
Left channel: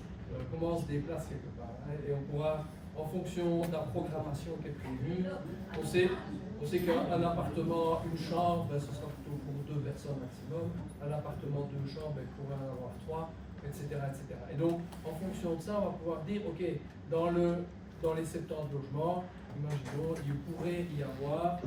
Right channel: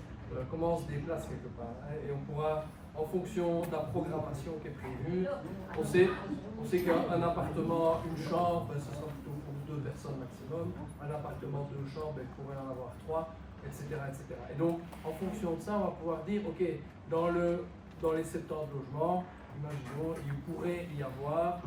quelque part. Hein, et on pourra, en fonction de la programmation qui est prévue, on sait qu'un appartement, une chambre, ce sera plutôt pour 2 personnes maximum. Un appartement 2 chambres, il pourrait en avoir 3. Etc., etc. Et donc, en fonction de ça, on va pouvoir dire, ok, dans les 70 logements, imaginons, il pourrait y avoir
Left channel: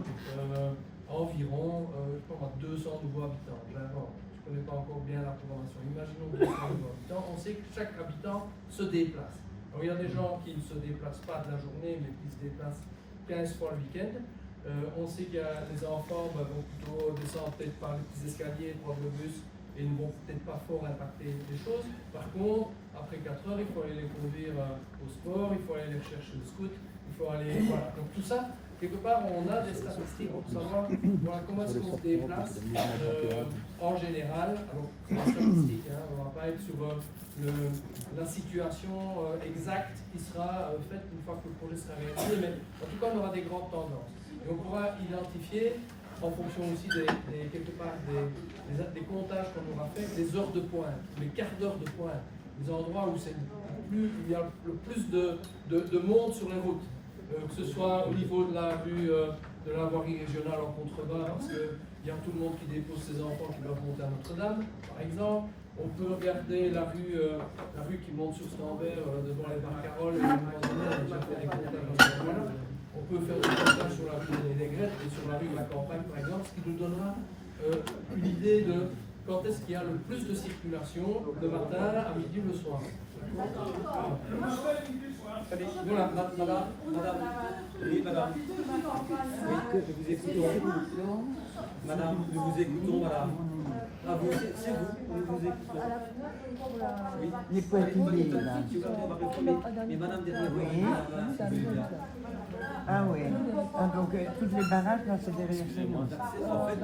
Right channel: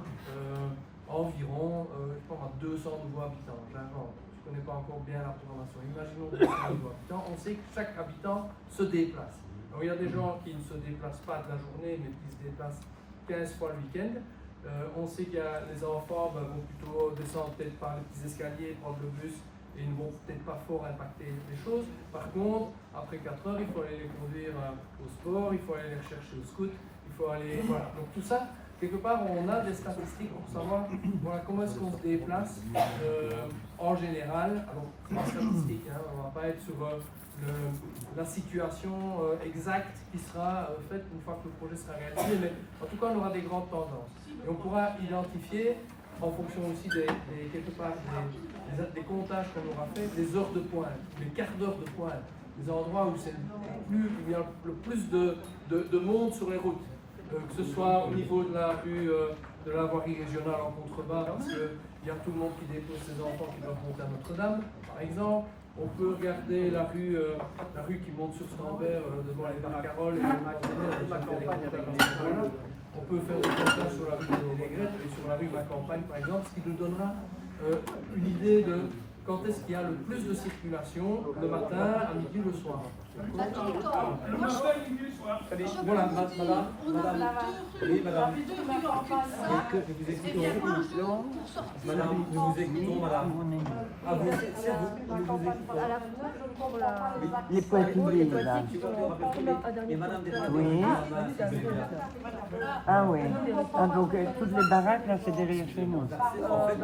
environ, je pense, 200 nouveaux habitants. J'invente, je ne connais pas encore bien la programmation. Imaginons 200 nouveaux habitants. On sait que chaque habitant se déplace. Alors, il y a des gens qui ne se déplacent pas de la journée, mais qui se déplacent 15 fois le week-end. On sait qu'il y a les enfants vont plutôt descendre peut-être par les petits escaliers, prendre le bus, et ils ne vont peut-être pas fort impacter les choses. Par contre, après 4 heures, il faut aller les conduire au sport, il faut aller les rechercher au scout, il faut aller... Voilà. Donc tout ça, quelque part, on a des statistiques pour savoir comment est-ce qu'on se déplace en général. Alors, c'est pas statistique, hein, on ne va pas être sur la situation exacte qui sera faite une fois que le projet sera réalisé, mais en tout cas, on aura des grandes tendances. Et on pourra identifier, en fonction aussi quelque part des comptages qu'on aura fait, les heures de pointe, les quarts d'heure de pointe, les endroits où il y a le plus de monde sur les routes, que ce soit au niveau de la rue de la voirie régionale en contrebas, parce qu'il y a tout le monde qui dépose ses enfants qui doivent monter à Notre-Dame, par exemple. On peut regarder la rue qui monte sur Stambert devant les Barcaroles, et on a déjà fait des comptages dans ce endroit-là. On peut faire des comptages sur la rue des Négrettes et sur la rue Ma Campagne, par exemple, ce qui nous donnera une idée de quand est-ce qu'il y a le plus de circulation, le matin, à midi, le soir. D'accord? Allez, voilà, madame. Oui, madame. Nous vous écoutons. Madame, nous vous écoutons, madame. Ah, vous, c'est vous, nous vous écoutons. Oui. Les portugais, madame. Mais madame, derrière vous, oui. Si vous voulez bien. Ah oui. Ah, donc toutes les baraques, là, c'est derrière chez moi. En fait,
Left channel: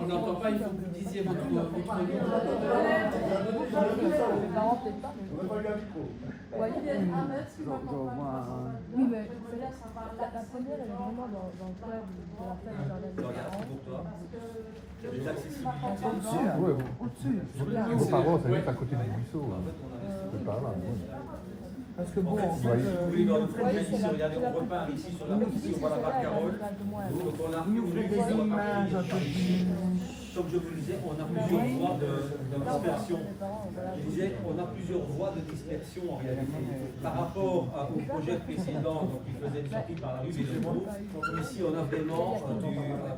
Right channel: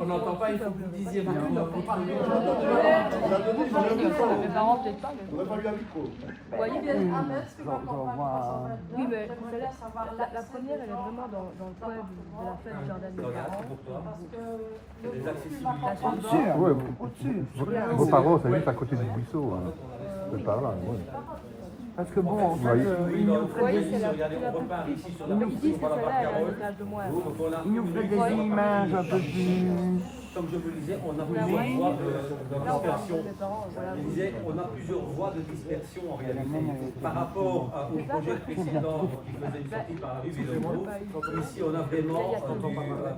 On n'entend pas, il faut que vous disiez votre nom. Oui, mais la première, elle est vraiment dans le temps de la fête. regarde, c'est pour toi. C'est des accessibilités. Ouais, vos parents, ça juste à côté du buisson. C'est par là. Parce que bon, En fait, si vous voulez, dans le projet ici, regardez, on repart ici sur la barcarolle. Donc on a il nous fait des images un peu plus... Comme je vous le disais, on a plusieurs voies de dispersion. Je disais, on a plusieurs voies de dispersion en réalité. Par rapport au projet précédent qui faisait une sortie par la rue Vélodrome, ici on a vraiment du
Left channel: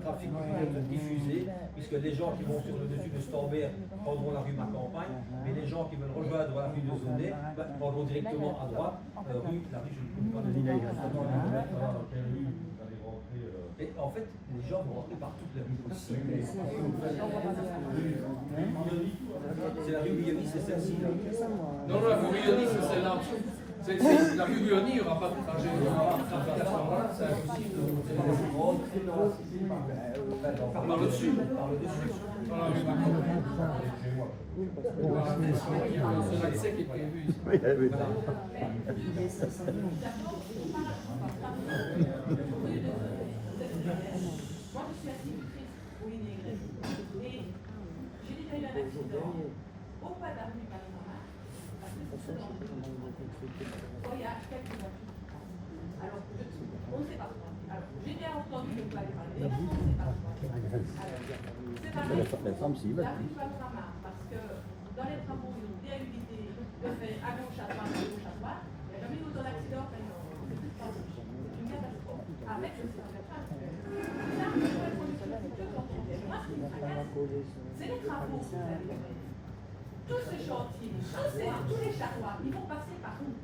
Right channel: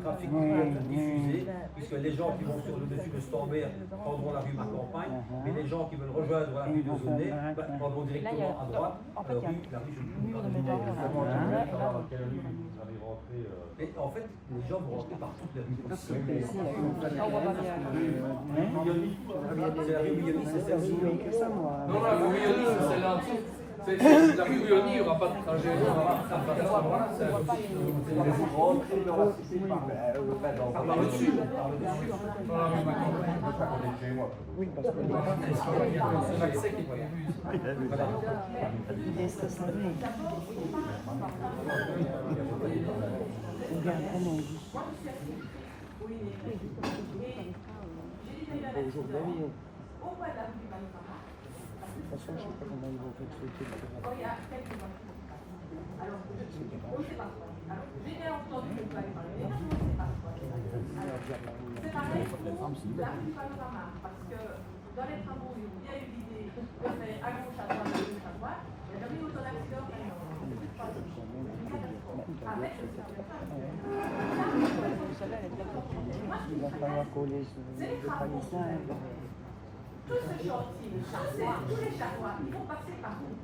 trafic qui peut être diffusé, puisque les gens qui vont sur le dessus de Storbert prendront la rue Macampagne, mais les gens qui veulent rejoindre la rue de Zonnet prendront directement à droite la rue, je ne sais pas exactement quelle rue vous allez rentrer. Mais en fait, les gens vont rentrer par toute la rue possible. C'est la rue Bouilloni, c'est celle-ci. Non, la rue Bouilloni, c'est celle-là. La rue Bouilloni, il n'y aura pas de trajet. C'est impossible. Par le dessus. C'est l'accès qui est prévu ici. Moi, je suis assez pour l'immigration. Et j'ai déjà eu un accident au coin de la rue du Panorama, parce que c'est ce genre de il y a quelques ans. Alors, on ne sait pas quoi. Alors, j'ai bien entendu que vous allez parler, mais on ne sait pas quoi. Alors, c'est pareil pour la rue du Panorama, parce que dans les travaux, ils ont bien eu l'idée de faire à gauche, à droite, à droite. Il y a jamais eu autant d'accidents qu'à Lyon. C'est plus pas c'est une catastrophe. Avec le circulation actuel. Là, je vais sur le circulation quand on vient. Moi, ce qui me tracasse, c'est les travaux que vous avez faits. Tout ce chantier, tous les charrois, ils vont passer par où?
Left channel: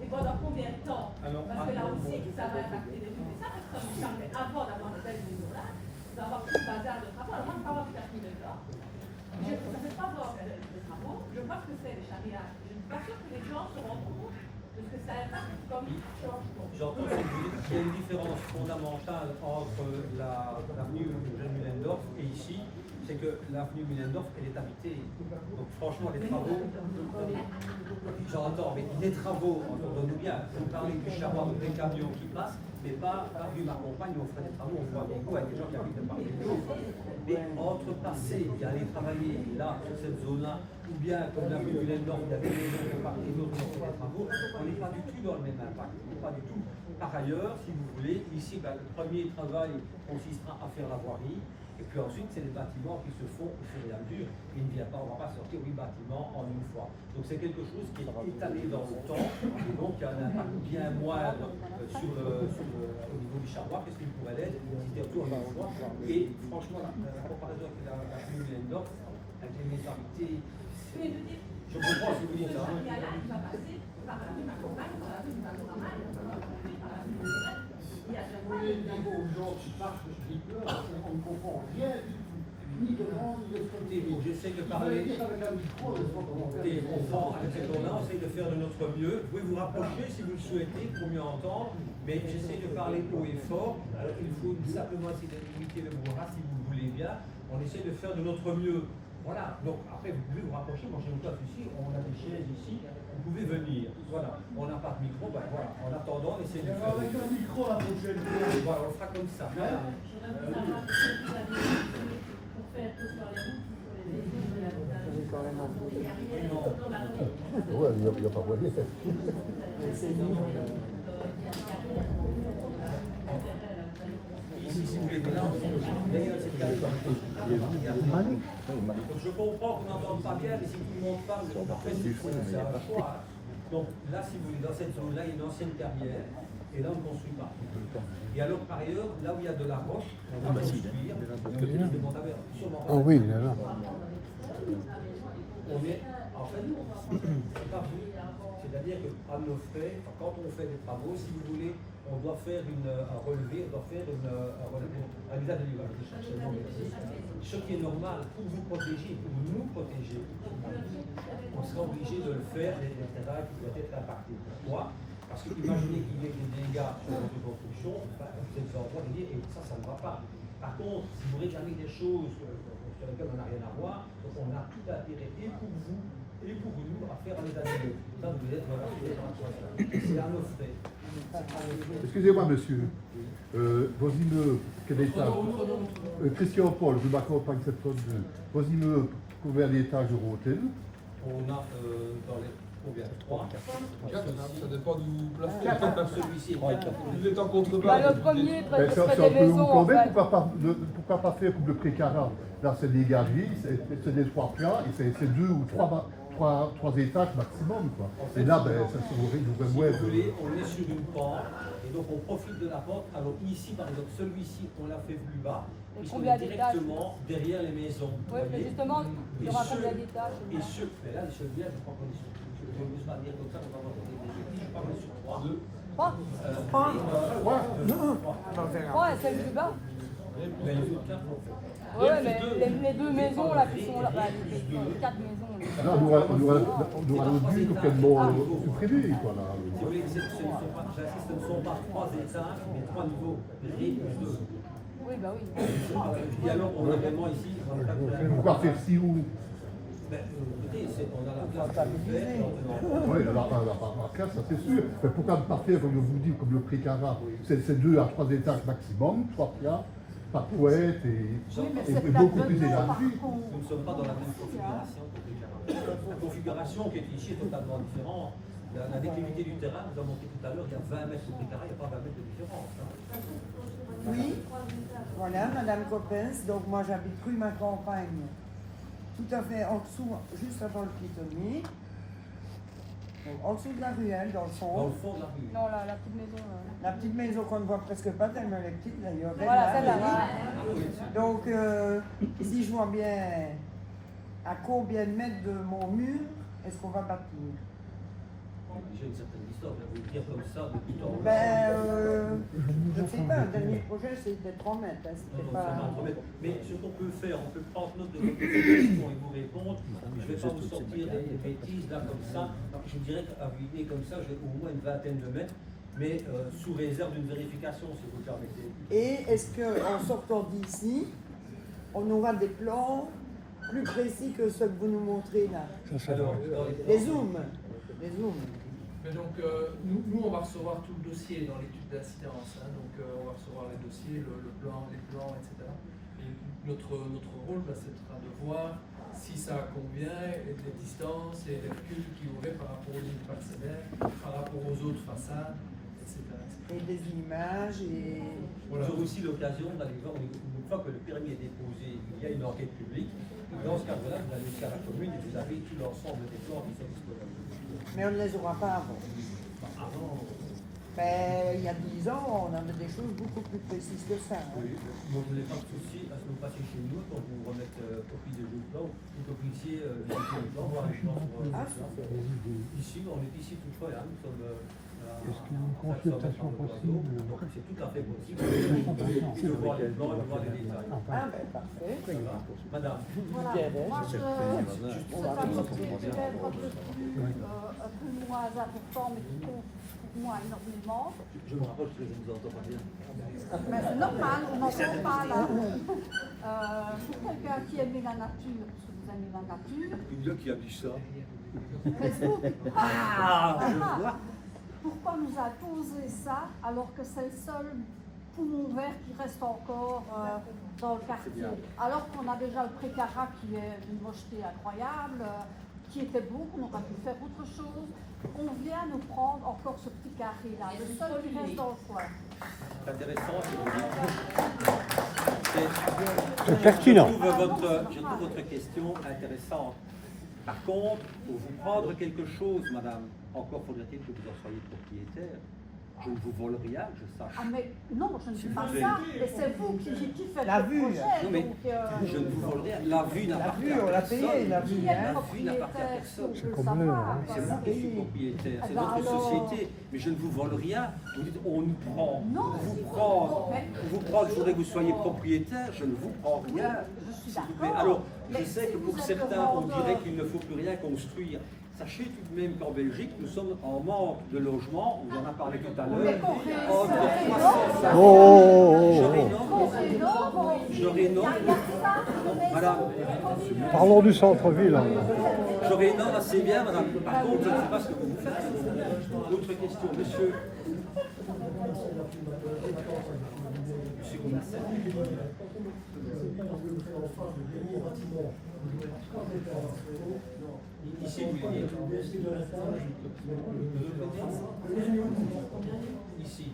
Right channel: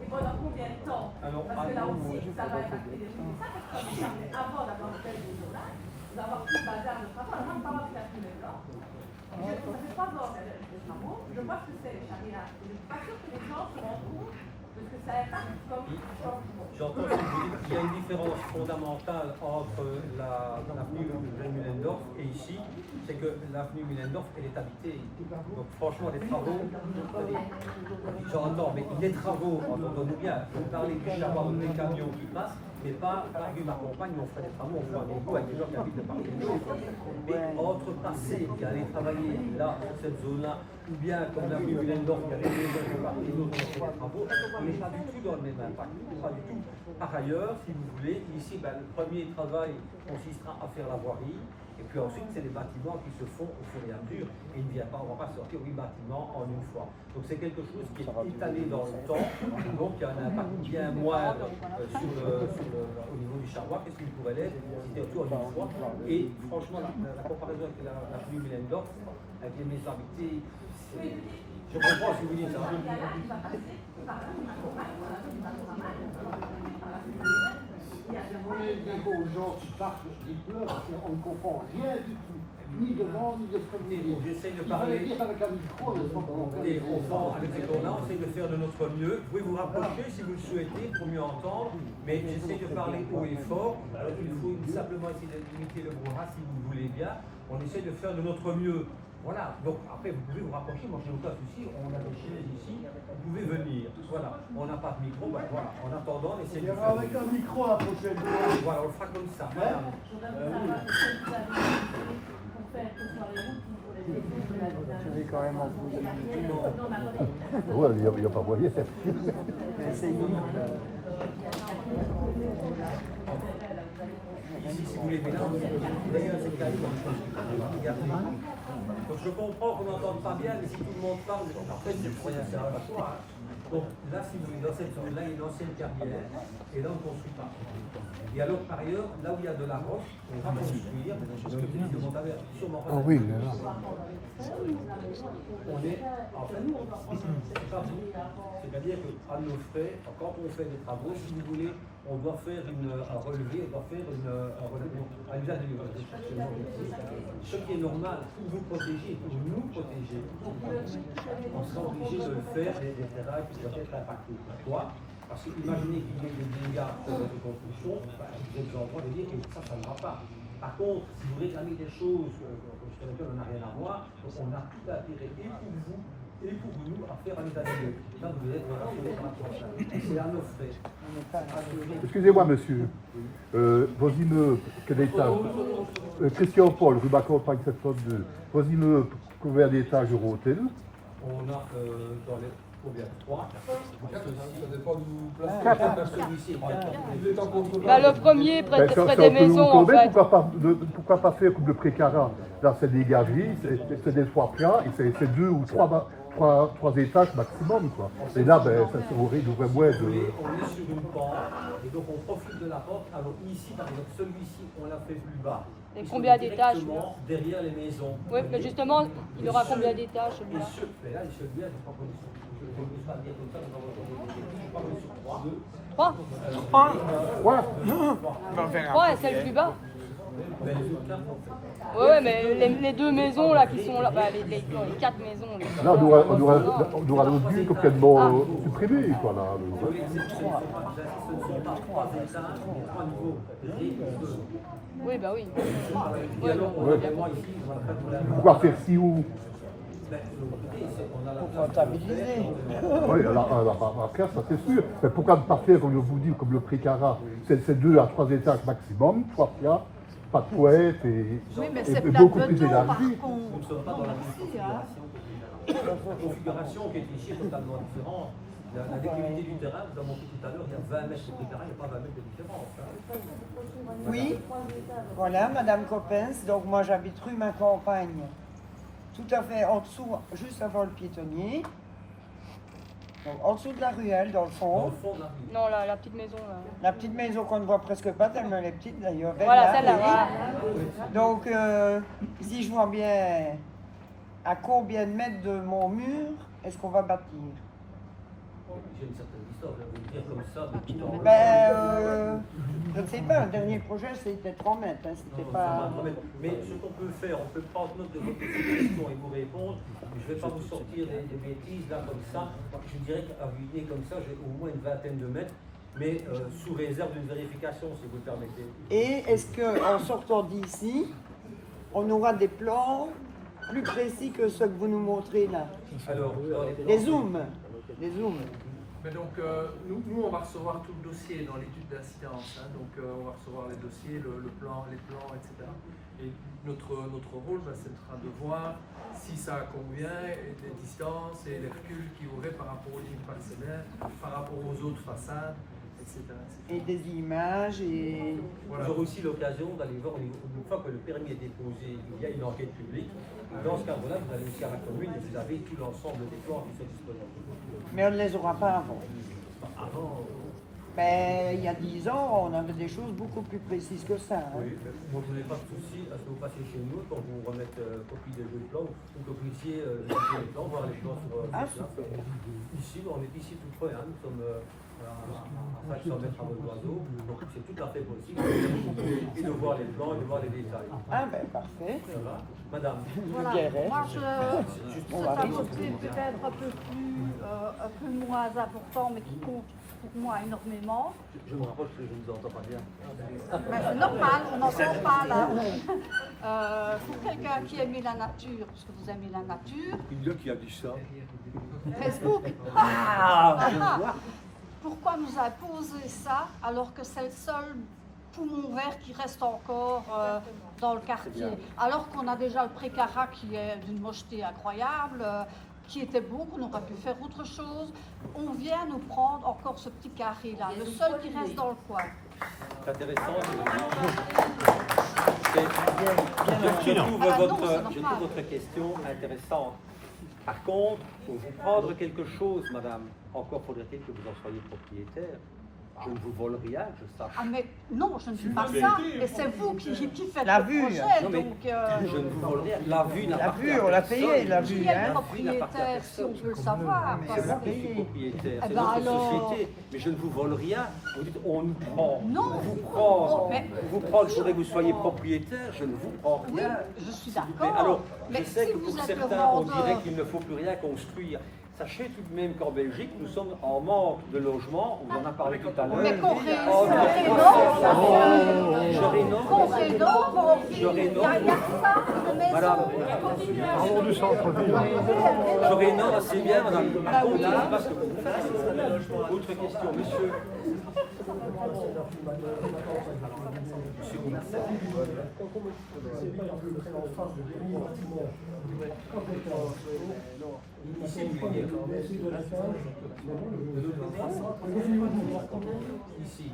Et pendant combien de temps? Parce que là aussi, ça va impacter les rues. Et ça, parce que comme il semblait, avant d'avoir de belles maisons là, vous allez avoir tout le bazar de travaux. Alors moi, je ne parle pas de 4 000 blancs. Ça fait 3 ans qu'il y a de travaux. Je vois ce que c'est les charriages. Je ne suis pas sûre que les gens se rendent compte de ce que ça impacte comme changement. J'entends ce que vous dites. Il y a une différence fondamentale entre l'avenue Eugène Mühlendorf et ici. C'est que l'avenue Mühlendorf, elle est habitée. Donc franchement, les travaux, j'entends, mais les travaux, entendons-nous bien, vous parlez du charroi, des camions qui passent, mais pas la rue Macampagne où on ferait des travaux, on ferait un égout avec des gens qui habitent de part et d'autre. Mais entre passer et aller travailler là, sur cette zone-là, ou bien comme l'avenue Mühlendorf, il y a des maisons de part et d'autre où on fait des travaux, on n'est pas du tout dans le même impact, pas du tout. Par ailleurs, si vous voulez, ici, le premier travail consistera à faire la voirie. Et puis ensuite, c'est des bâtiments qui se font au fur et à mesure. Et il ne vient pas, on ne va pas sortir 8 bâtiments en une fois. Donc c'est quelque chose qui est étalé dans le temps. Donc il y a un impact bien moindre au niveau du charroi que ce qu'il pourrait l'être si c'était autour en une fois. Et franchement, la comparaison avec la rue Mühlendorf, avec les maisons habitées, je comprends ce que vous dites. Il y a là, il va passer par la rue Macampagne, par la rue du Panorama, il va falloir passer par la rue de Lézette. Il y a aux gens qui partent qui pleurent, on ne comprend rien du tout, ni devant, ni de côté. J'essaie de parler. Et au fond, avec ce qu'on a, on essaie de faire de notre mieux. Vous pouvez vous rapprocher si vous le souhaitez pour mieux entendre, mais j'essaie de parler haut et fort. Alors il faut simplement essayer de limiter le brouhaha si vous le voulez bien. On essaie de faire de notre mieux. Voilà, donc après vous pouvez vous rapprocher, moi j'ai aucun souci, on a des chaises ici, vous pouvez venir. Voilà, on n'a pas de micro, ben voilà, en attendant on essaie de faire. Avec un micro la prochaine fois. Voilà, on le fera comme ça. Madame. J'aurais voulu savoir ce que vous avez utilisé pour faire que ce soit les routes pour les maisons de la Ouais, il n'y a pas moyen. Ici, si vous voulez, mais là, d'ailleurs, c'est carrément regardez. Donc je comprends qu'on n'entende pas bien, mais si tout le monde parle, après c'est un choix. Donc là, si vous voulez, dans cette zone-là, il y a une ancienne carrière Et là, on ne construit pas. Et alors, par ailleurs, là où il y a de la roche, on va construire, parce que Philippe de Montabert, sûrement pas. Ah oui, là, là. On est, en fait, c'est pas vous. C'est-à-dire qu'à nos frais, quand on fait des travaux, si vous voulez, on doit faire un relevé, on doit faire un usage de l'image. Ce qui est normal pour vous protéger, pour nous protéger, on sera obligé de le faire des terrains qui doivent être impactés. Pourquoi? Parce que imaginez qu'il y ait des dégâts sur votre construction, vous êtes en droit de dire, et ça ne va pas. Par contre, si vous réclamez des choses sur lesquelles on n'a rien à voir, on a tout intérêt, et pour vous, et pour nous, à faire les années. Ça, vous devez être rassuré par rapport à ça. C'est à nos frais. Excusez-moi, monsieur. Vos immeubles, quel étage Christian Paul, rue Bacampagne 702. Vos immeubles, combien d'étages Eurotel? On a dans les combien 3, 4, ça dépend d'où vous placez. celui-ci est 4. Il est en contrebas. Bah, le premier, Ben, presque ça serait des peut vous maisons, en tomber, fait. pourquoi pas faire comme le Précarat? Là, c'est des galeries, c'est des 3 plats, et c'est 2 ou 3 étages maximum, quoi. Et là, ben, ça se ouvrait moins Si vous voulez, de... on est sur une pente, et donc on profite de la pente. Alors ici, par exemple, celui-ci, on l'a fait plus bas. Et puisqu'on combien est d'étages? directement derrière les maisons. Oui, parce que justement, il y aura combien d'étages? Et ceux, mais là, celui-là, je crois qu'on est sur. Je ne peux pas dire comme ça qu'on va avoir des bêtises. Je crois qu'on est sur 3. 3 3. Ouais, c'est le plus bas. Mais les autres 4, en fait. Oui, mais les deux maisons là qui sont là, bah, les 4 maisons. Là, on aura le but complètement supprimé, quoi, là. Si vous voulez, ce ne sont pas 3 étages, mais 3 niveaux. Ré et 2. Oui, bah oui. Et alors, on a vraiment ici, on a pas de problème. Pourquoi faire si haut? Ben, écoutez, on a la place de le faire et on peut en Oui, après, ça c'est sûr. Mais pourquoi ne pas faire, comme je vous dis, comme le Précarat? C'est 2 à 3 étages maximum, 3 plats, pas de poète et beaucoup plus élargi. Nous ne sommes pas dans la même configuration qu'au Précarat. La configuration qui est ici est totalement différente. La déclivité du terrain, vous avez montré tout à l'heure, il y a 20 mètres au Précarat, il n'y a pas 20 mètres de différence. Oui, voilà, Madame Coppens. Donc moi j'habite rue Ma Campagne, tout à fait en dessous, juste avant le piétonnier. Donc, en dessous de la ruelle, dans le fond. Dans le fond de la rue. Non, la petite maison là. La petite maison qu'on ne voit presque pas, tellement elle est petite d'ailleurs. Voilà, celle-là. Donc, si je vois bien, à combien de mètres de mon mur est-ce qu'on va bâtir? J'ai une certaine distance, je vais vous dire comme ça, de tout en haut. Je ne sais pas, le dernier projet c'était 3 mètres. Hein, c'était pas... Mais ce qu'on peut faire, on peut prendre note de votre question et vous répondre. Je ne vais pas vous sortir des bêtises là comme ça. Je dirais qu'à vider comme ça, j'ai au moins une vingtaine de mètres, mais sous réserve d'une vérification, si vous le permettez. Et est-ce qu'en sortant d'ici, on aura des plans plus précis que ceux que vous nous montrez là? Alors, dans les plans, Les zooms. Les zooms. Mais donc, nous, on va recevoir tout le dossier dans l'étude d'incidence. Hein, donc, on va recevoir les dossiers, le plan, les plans, etc. Et notre rôle, c'est de voir si ça convient, et les distances et les reculs qu'il y aurait par rapport aux lignes parcellaires, par rapport aux autres façades, etc. Et des images et... Voilà. Vous aurez aussi l'occasion d'aller voir, une fois que le permis est déposé, il y a une enquête publique. Dans ce cadre-là, vous allez aussi à la commune et vous avez tout l'ensemble des plans qui sont disponibles. Mais on ne les aura pas avant. Avant. Mais il y a 10 ans, on avait des choses beaucoup plus précises que ça. Oui, mais vous n'avez pas de souci à ce que vous passiez chez nous pour vous remettre copie des deux plans ou que vous puissiez visiter les plans, voir les plans sur place. Ici, on est ici tout près, hein, nous sommes à 500 mètres en oiseau, donc c'est tout à fait possible et de voir les plans et de voir les détails. Ah ben parfait. Ça va? Madame. Moi, je c'est un entrée peut-être un peu moins important, mais qui compte pour moi énormément. Je me rapproche que je ne vous entends pas bien. Mais c'est normal, on n'entend pas là. Pour quelqu'un qui aimait la nature, parce que vous aimez la nature. Il y a qui a dit ça. Facebook. Ah, je vois. Pourquoi nous imposer ça alors que c'est le seul poumon vert qui reste encore dans le quartier? Alors qu'on a déjà le Précarat qui est d'une mocheté incroyable, qui était beau, qu'on aurait pu faire autre chose. On vient nous prendre encore ce petit carré-là, le seul qui reste dans le coin. C'est intéressant, je pertinent. Je trouve votre question intéressante. Par contre, pour vous prendre quelque chose, madame, encore faudrait-il que vous en soyez propriétaire. Je ne vous vole rien, que je sache. Ah mais non, je ne suis pas Mais- ça, mais c'est vous qui faites La le vue. projet. Non mais donc, je ne vous vole rien. La vue n'appartient à on l'a personne. payé, la vue. qui est le La vue n'appartient à propriétaire, personne. je veux le comme savoir, là, C'est moi qui parce suis que- propriétaire, c'est Eh ben notre alors. société, mais je ne vous vole rien. Vous dites on nous prend, Non, on vous c'est prend, pas- mais- on vous prend, je voudrais que vous soyez propriétaire, je ne vous prends rien. Je suis S'il vous plaît. d'accord. Alors, je Mais sais si que pour vous êtes certains, on demandeur- dirait qu'il ne faut plus rien construire. Sachez tout de même qu'en Belgique, nous sommes en manque de logements, on en a parlé tout à l'heure. Mais qu'on rénove, Entre qu'on 350. Oh, Je qu'on rénove, rénove, je rénove. Non, madame, Parlons du centre-ville. hein. je rénove assez bien, madame. Par contre, je ne sais pas ce que vous faites. Autre question, monsieur. Monsieur Gomassel. Ici, vous voulez dire. Ici.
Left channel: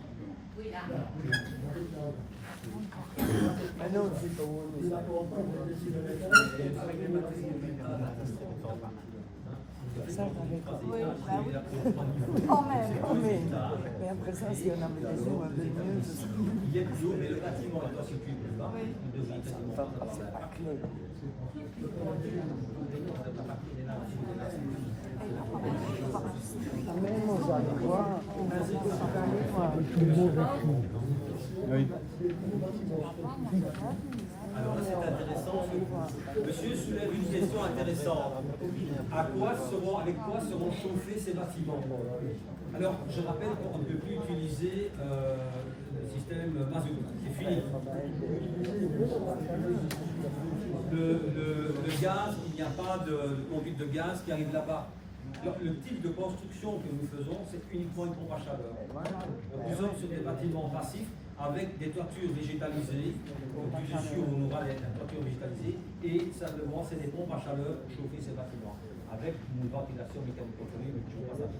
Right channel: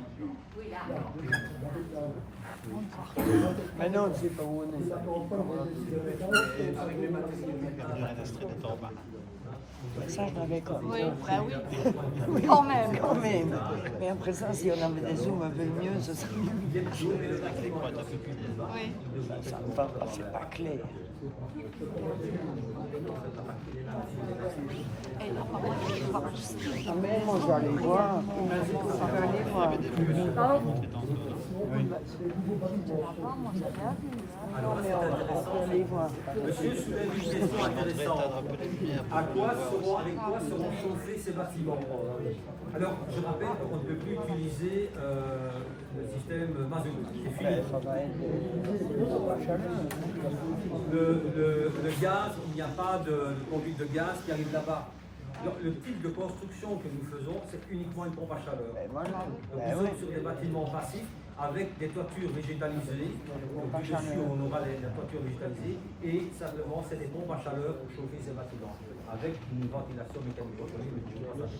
Un autre, c'est pas où on est. Ça, je l'avais compris. Quand même. Quand même. Mais après ça, si on avait des zooms un peu mieux, ce serait Il est plus haut, mais le bâtiment est constitué plus bas. Nous devons quasiment pas avoir la pas clair. Moi, je vais aller voir. Alors là, c'est intéressant. Monsieur soulève une question intéressante. Avec quoi seront chauffés ces bâtiments? Alors, je rappelle qu'on ne peut plus utiliser le système mazout. C'est fini. Le gaz, il n'y a pas de conduite de gaz qui arrive là-bas. Alors, le type de construction que nous faisons, c'est uniquement une pompe à chaleur. Donc, nous sommes sur des bâtiments passifs avec des toitures végétalisées. Donc, du dessus, on aura la toiture végétalisée et simplement, c'est des pompes à chaleur pour chauffer ces bâtiments avec une ventilation mécanique contrôlée, mais toujours pas ça.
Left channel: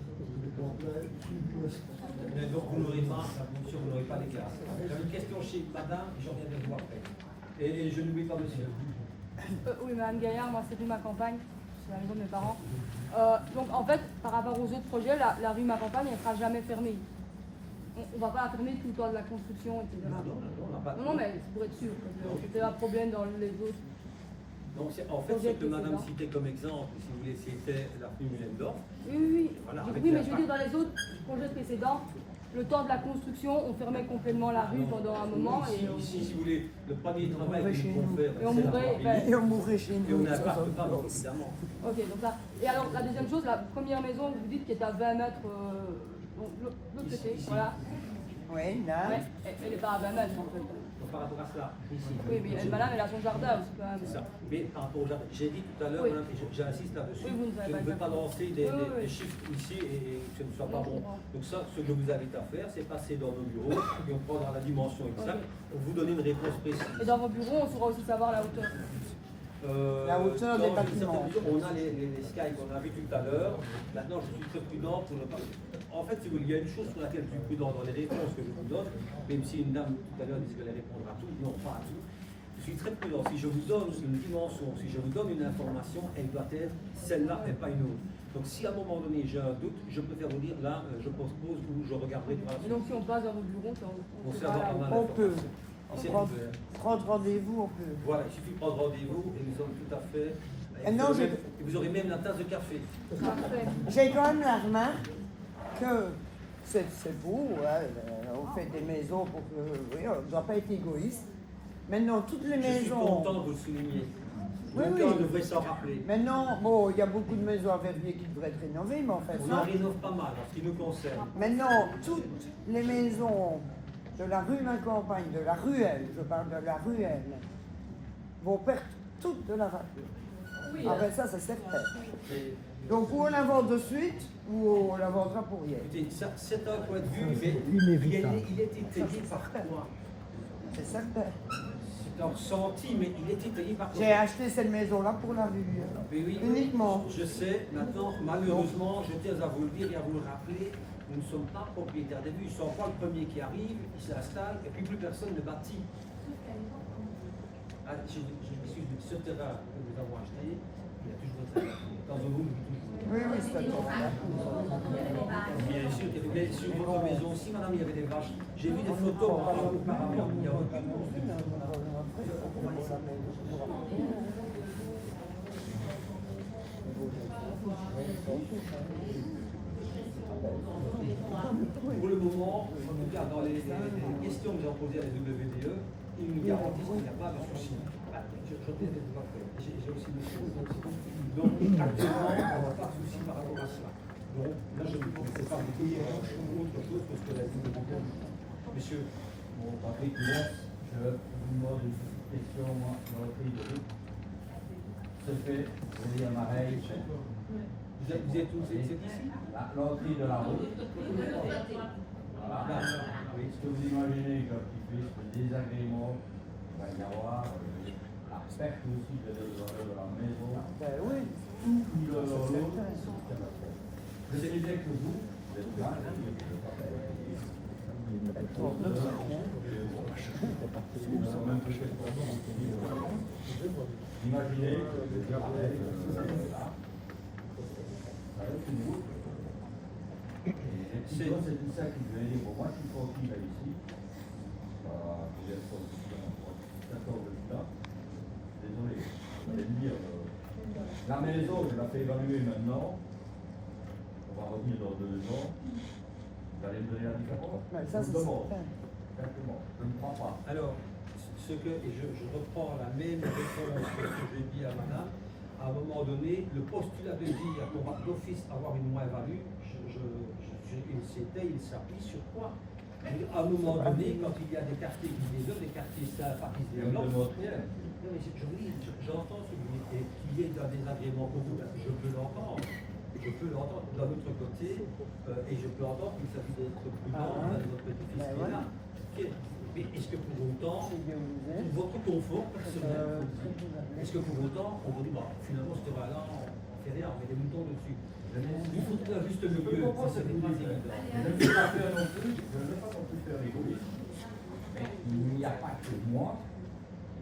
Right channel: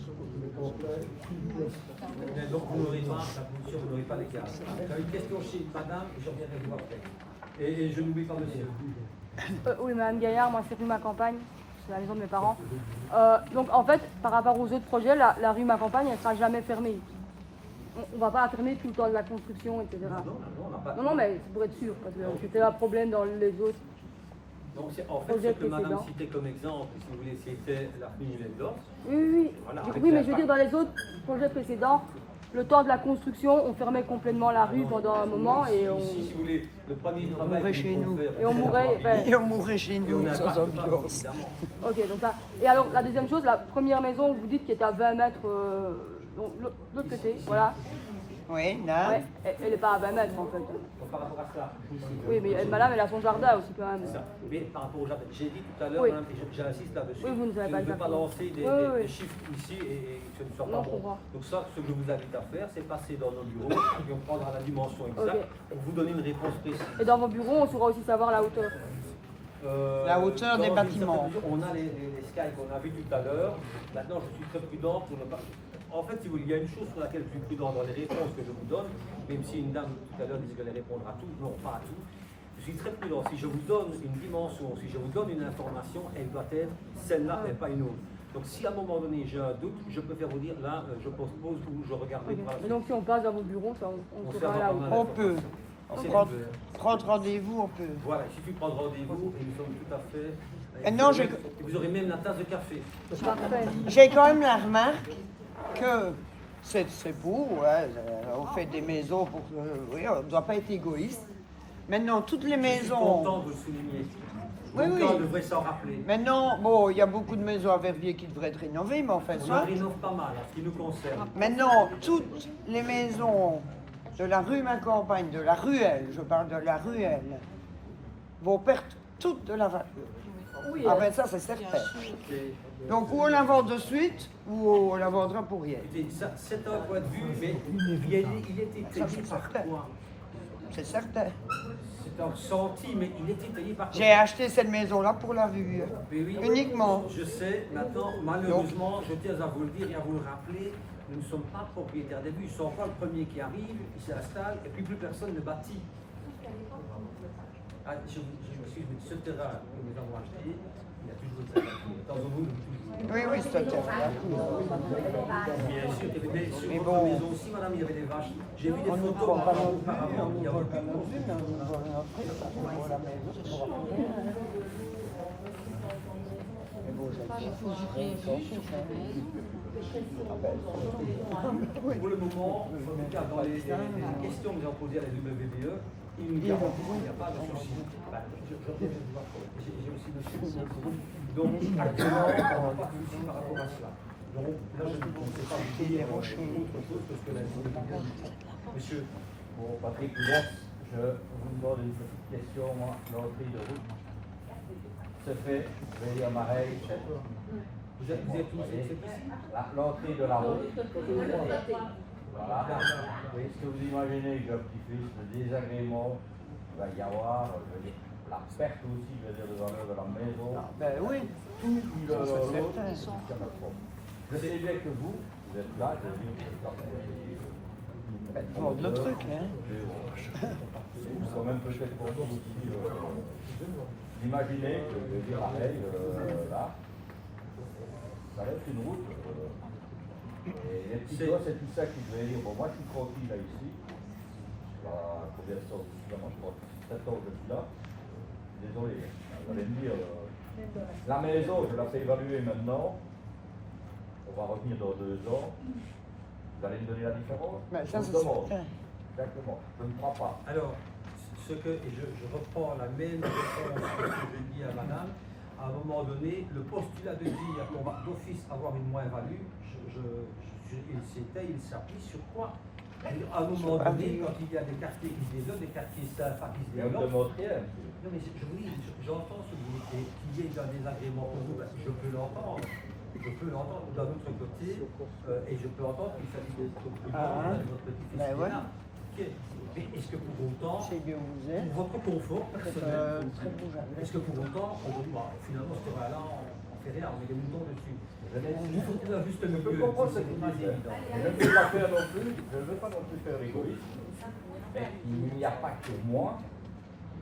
Donc, vous n'aurez pas la pollution, vous n'aurez pas les gaz. J'avais une question chez madame, je reviendrai vous après. Et je n'oublie pas monsieur. Oui, Madame Gaillard, moi c'est rue Ma Campagne, c'est la maison de mes parents. Donc en fait, par rapport aux autres projets, la rue Ma Campagne, elle ne sera jamais fermée. On ne va pas la fermer tout le temps de la construction, etc. Non, on n'a pas. Non, mais c'est pour être sûr, parce que c'était un problème dans les autres. Donc, en fait, ce que madame citait comme exemple, si vous voulez, c'était la rue Mühlendorf. Oui. Voilà, Oui, avec mais la je veux dire, dans les autres projets précédents, le temps de la construction, on fermait complètement la rue pendant un moment et on... Ici, si vous voulez, le premier travail que chez nous pouvons nous. faire, Et on c'est la mourrait, famille. Et on mourrait chez Et nous. on n'impacte pas, évidemment. Ok, donc ça. Et alors, la deuxième chose, la première maison, vous dites, qui est à 20 mètres, donc l'autre côté, voilà. Oui, là. Ouais, elle n'est pas à 20 mètres en fait. Donc, par rapport à cela, ici. Oui, mais madame, elle a son jardin aussi quand même. C'est ça. Mais par rapport au jardin, j'ai dit tout à l'heure, Oui. madame, et j'insiste là-dessus, Oui, vous nous avez je pas ne veux dit. pas lancer des Oui. chiffres ici et que ce ne soit Non, pas je bon. comprends. Donc ça, ce que je vous invite à faire, c'est passer dans nos bureaux et on prendra la dimension exacte Ok. pour vous donner une réponse précise. Et dans vos bureaux, on saura aussi savoir la hauteur. La hauteur dans des une bâtiments. certaine mesure, on a les skies qu'on a vus tout à l'heure. Maintenant, je suis très prudent pour ne pas... En fait, si vous voulez, il y a une chose sur laquelle je suis prudent dans les réponses que je vous donne, même si une dame tout à l'heure disait qu'elle allait répondre à tout, non, pas à tout. Je suis très prudent. Si je vous donne une dimension, si je vous donne une information, elle doit être celle-là et pas une autre. Donc si à un moment donné j'ai un doute, je préfère vous dire là, je postpose ou je regarderai pour la Et suite. donc si on passe dans vos bureaux, ça, On sait saura avoir la pas mal hauteur. On peut. d'informations. Et c'est Prendre, tout. prendre rendez-vous, on peut. Voilà, il suffit de prendre rendez-vous et nous sommes tout à fait... Et non, et vous aurez même la tasse de café. Parfait. J'ai quand même la remarque que c'est beau, ouais, on fait des maisons, oui, on ne doit pas être égoïste. Maintenant, toutes les Je suis maisons... content de vous le souligner. Oui, Aucun oui. devrait s'en rappeler. Maintenant, bon, il y a beaucoup de maisons à Verviers qui devraient être rénovées, mais en fait, On en rénove pas mal en ce qui nous concerne. maintenant, toutes les maisons de la rue Ma Campagne, de la ruelle, je parle de la ruelle, vont perdre toutes de la valeur. Oui, Ah ben ça, c'est certain. C'est- Donc, ou on la vend de suite, ou on la vendra pour rien. Écoutez, ça, c'est un point de vue, mais il est étayé par quoi? C'est certain. C'est un ressenti, mais il est étayé par quoi? J'ai acheté cette maison-là pour la rue. Mais oui, Uniquement. Je sais, maintenant, malheureusement, je tiens à vous le dire et à vous le rappeler, nous ne sommes pas propriétaires des vues. Ils sont pas le premier qui arrive, il s'installe, et puis plus personne ne bâtit. Ah, je m'excuse, mais ce terrain que nous avons acheté, il y a toujours une température. Dans un monde, toujours. Oui, oui, c'est tout. Bien sûr, mais sur votre maison aussi, madame, il y avait des vaches. J'ai vu des photos auparavant, il n'y a aucune construction. Pour le moment, en tout cas, dans les questions que nous avons posées à la WDE, ils nous garantissent qu'il n'y a pas de souci. J'ai aussi monsieur. Donc, actuellement, on n'a pas de souci par rapport à cela. Donc, là, je ne sais pas vous dire autre chose que ce que la WDE dit. Monsieur. Bon, Patrick Poulet, je vous demande une petite question. L'entrée de route se fait, je vais dire Marais. Vous êtes où? C'est ici? L'entrée de la route. Voilà. Oui, est-ce que vous imaginez qu'un petit peu de désagrément, il va y avoir la perte aussi de la valeur de la maison? Oui. Tout l'autre. Je sais bien que vous êtes là, imaginez que je veux dire la veille là, ça va être une route. Et les petits gars, c'est tout ça qui veut dire, bon, moi je suis tranquille là ici. Voilà, je viens de sortir, je 7 ans de là. Désolé, vous allez me dire, la maison, je la fais évaluer maintenant. On va revenir dans 2 ans. Vous allez me donner la différence. Je vous demande. Exactement. Je ne crois pas. Alors, et je reprends la même réponse que ce que j'ai dit à madame. À un moment donné, le postulat de dire qu'on va d'office avoir une moins-value, il s'appuie sur quoi? À un moment donné, quand il y a des quartiers qui se développent, des quartiers pas qui se développent. Non, mais je vous dis, j'entends ce que vous dites, et qu'il y ait un désagrément pour vous, je peux l'entendre. Je peux l'entendre d'un autre côté, et je peux entendre qu'il s'agit d'être plus grand, de votre petit-fils qui est là. Okay. Mais est-ce que pour autant, pour votre confort personnel, est-ce que pour autant, on vous dit, bah, finalement, ce terrain-là, on fait rien, on met des moutons dessus? Il faut trouver un juste milieu, ce n'est pas évident. Je ne veux pas non plus faire égoïste. Il n'y a pas que moi,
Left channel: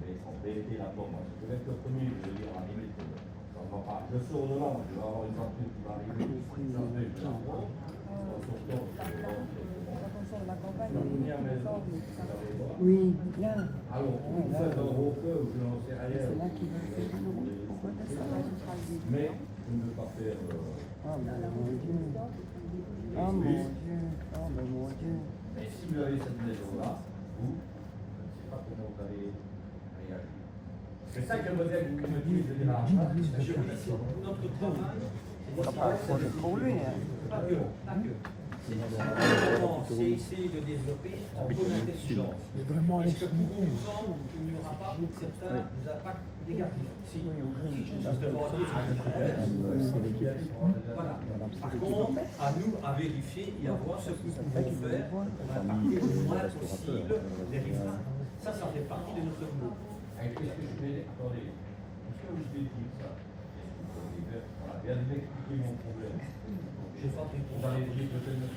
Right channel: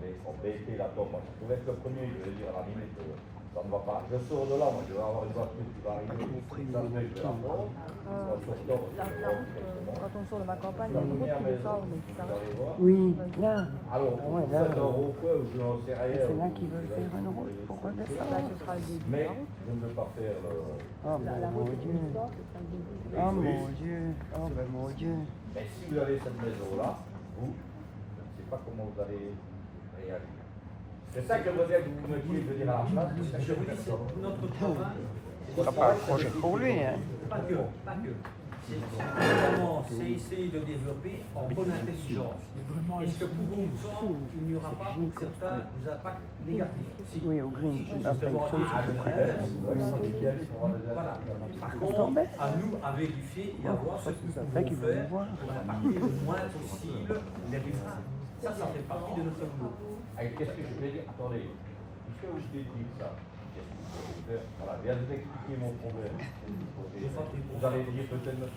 mais on peut aider là-dedans. Moi, je pourrais être le premier, je veux dire, à la limite, ça ne va pas. Je sors de là, moi, je vais avoir une voiture qui va arriver, ça me met là. Quand on sort de ma campagne, La il y a première beaucoup de maison, ça, on est vous allez voir. Oui, là. Alors, vous faites un repos ou je n'en sais rien. C'est là qu'ils veulent faire une route. Pourquoi ça va Mais je ne veux pas faire. Oh mon Dieu. Oh mon Dieu. Oh mon Dieu. Mais si vous avez cette maison-là, vous, je ne sais pas comment vous allez réagir. C'est ça que le modèle que vous me dites à la fin. Je vous dis, c'est notre travail. C'est pour lui. Pas que. C'est essayer de développer en bonne intelligence. Est-ce que pour autant, il n'y aura pas pour certains des impacts négatifs? Si, justement, voilà. Par contre, à nous à vérifier et à voir ce que nous pouvons faire pour impacter le moins possible les riverains. Ça fait partie de notre boulot. Qu'est-ce que je vais dire? Attendez, puisque vous avez dit ça, voilà, bien de m'expliquer mon problème. Je n'ai pas de réponse. Vous allez dire peut-être.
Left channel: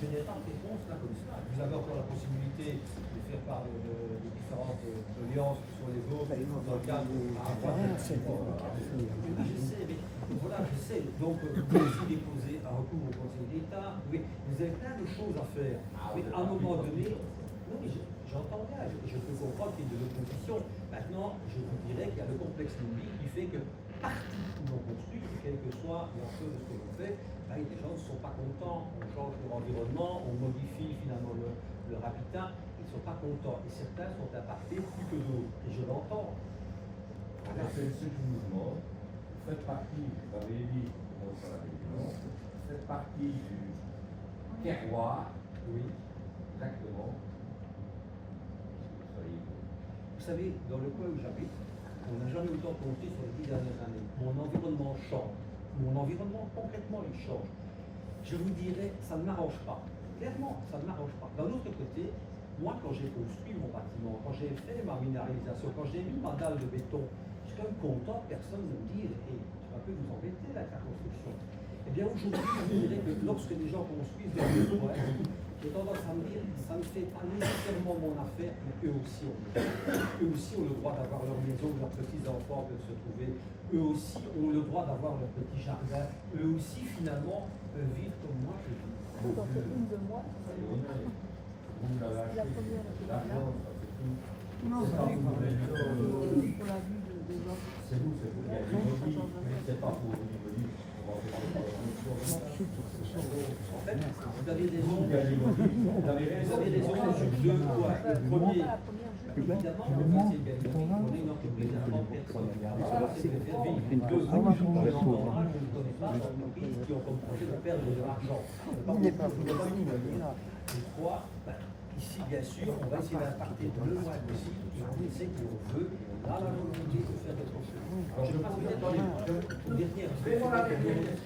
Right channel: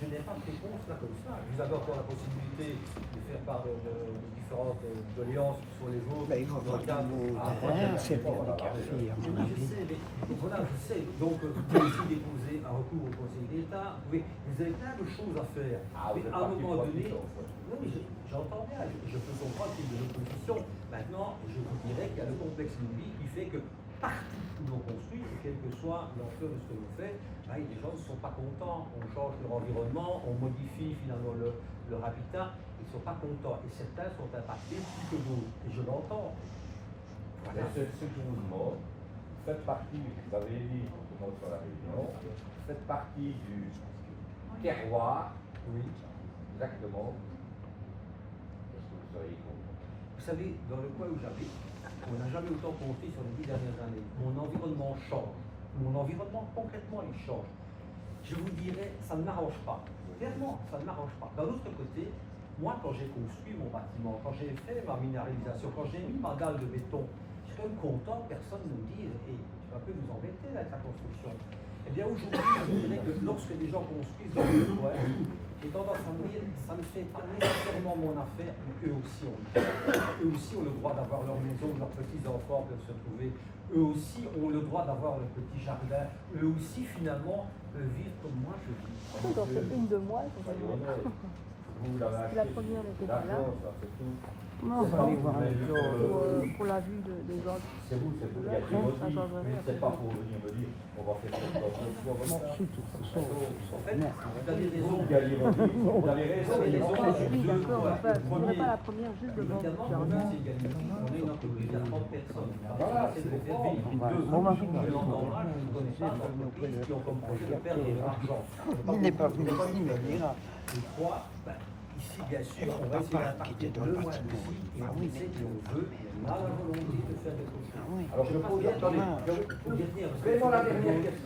Je n'ai pas de réponse là comme ça. Vous avez encore la possibilité de faire part de différentes doléances sur les autres dans le cadre à la fois de la je sais, mais donc voilà, je sais. Donc vous pouvez aussi déposer un recours au Conseil d'État. Vous avez plein de choses à faire. Mais à un moment donné, non mais j'entends bien, je peux comprendre qu'il y ait de l'opposition. Maintenant, je vous dirais qu'il y a le complexe lobby qui fait que partout où l'on construit, et quelle que soit l'ampleur de ce que l'on fait, les gens ne sont pas contents, on change leur environnement, on modifie finalement leur habitat, ils ne sont pas contents. Et certains sont impactés plus que d'autres. Et je l'entends. Voilà. C'est ce que je vous demande. Faites partie, vous avez dit, sur la région, faites partie du terroir. Oui. Exactement. Vous savez, dans le coin où j'habite, on n'a jamais autant construit sur les 10 dernières années. Mon environnement change. Mon environnement, concrètement, il change. Je vous dirais, ça ne m'arrange pas. Clairement, ça ne m'arrange pas. D'un autre côté, moi, quand j'ai construit mon bâtiment, quand j'ai fait ma minéralisation, quand j'ai mis ma dalle de béton, je suis quand même content que personne ne me dise « hey, tu vas un peu nous embêter avec ta construction ». Eh bien, aujourd'hui, je vous dirais que lorsque des gens construisent dans le coin, j'ai tendance à me dire, ça ne fait pas nécessairement mon affaire, mais eux aussi ont le droit. Eux aussi ont le droit d'avoir leur maison, leurs petits-enfants peuvent se trouver. Eux aussi ont le droit d'avoir leur petit jardin. Eux aussi, finalement, peuvent vivre comme moi je vis. Une de moi, c'est la première était là. Non, on va aller voir un Pour la vue des gens. C'est vous, mais c'est pas pour venir me dire, on va faire En fait, vous avez raison. Vous avez raison sur deux points. Le premier, évidemment, c'est Gallimard. On a une entreprise à 30 personnes. Ça, c'est de faire vivre. Deux, je l'entends mal, je ne connais pas d'entreprises qui ont comme projet de perdre de l'argent. Il n'est pas venu. Et trois, ici, bien sûr, on va essayer d'impacter le moins possible et on essaie et on veut, et on a la volonté de faire quelque chose. Alors, je passe bien, attendez, une dernière.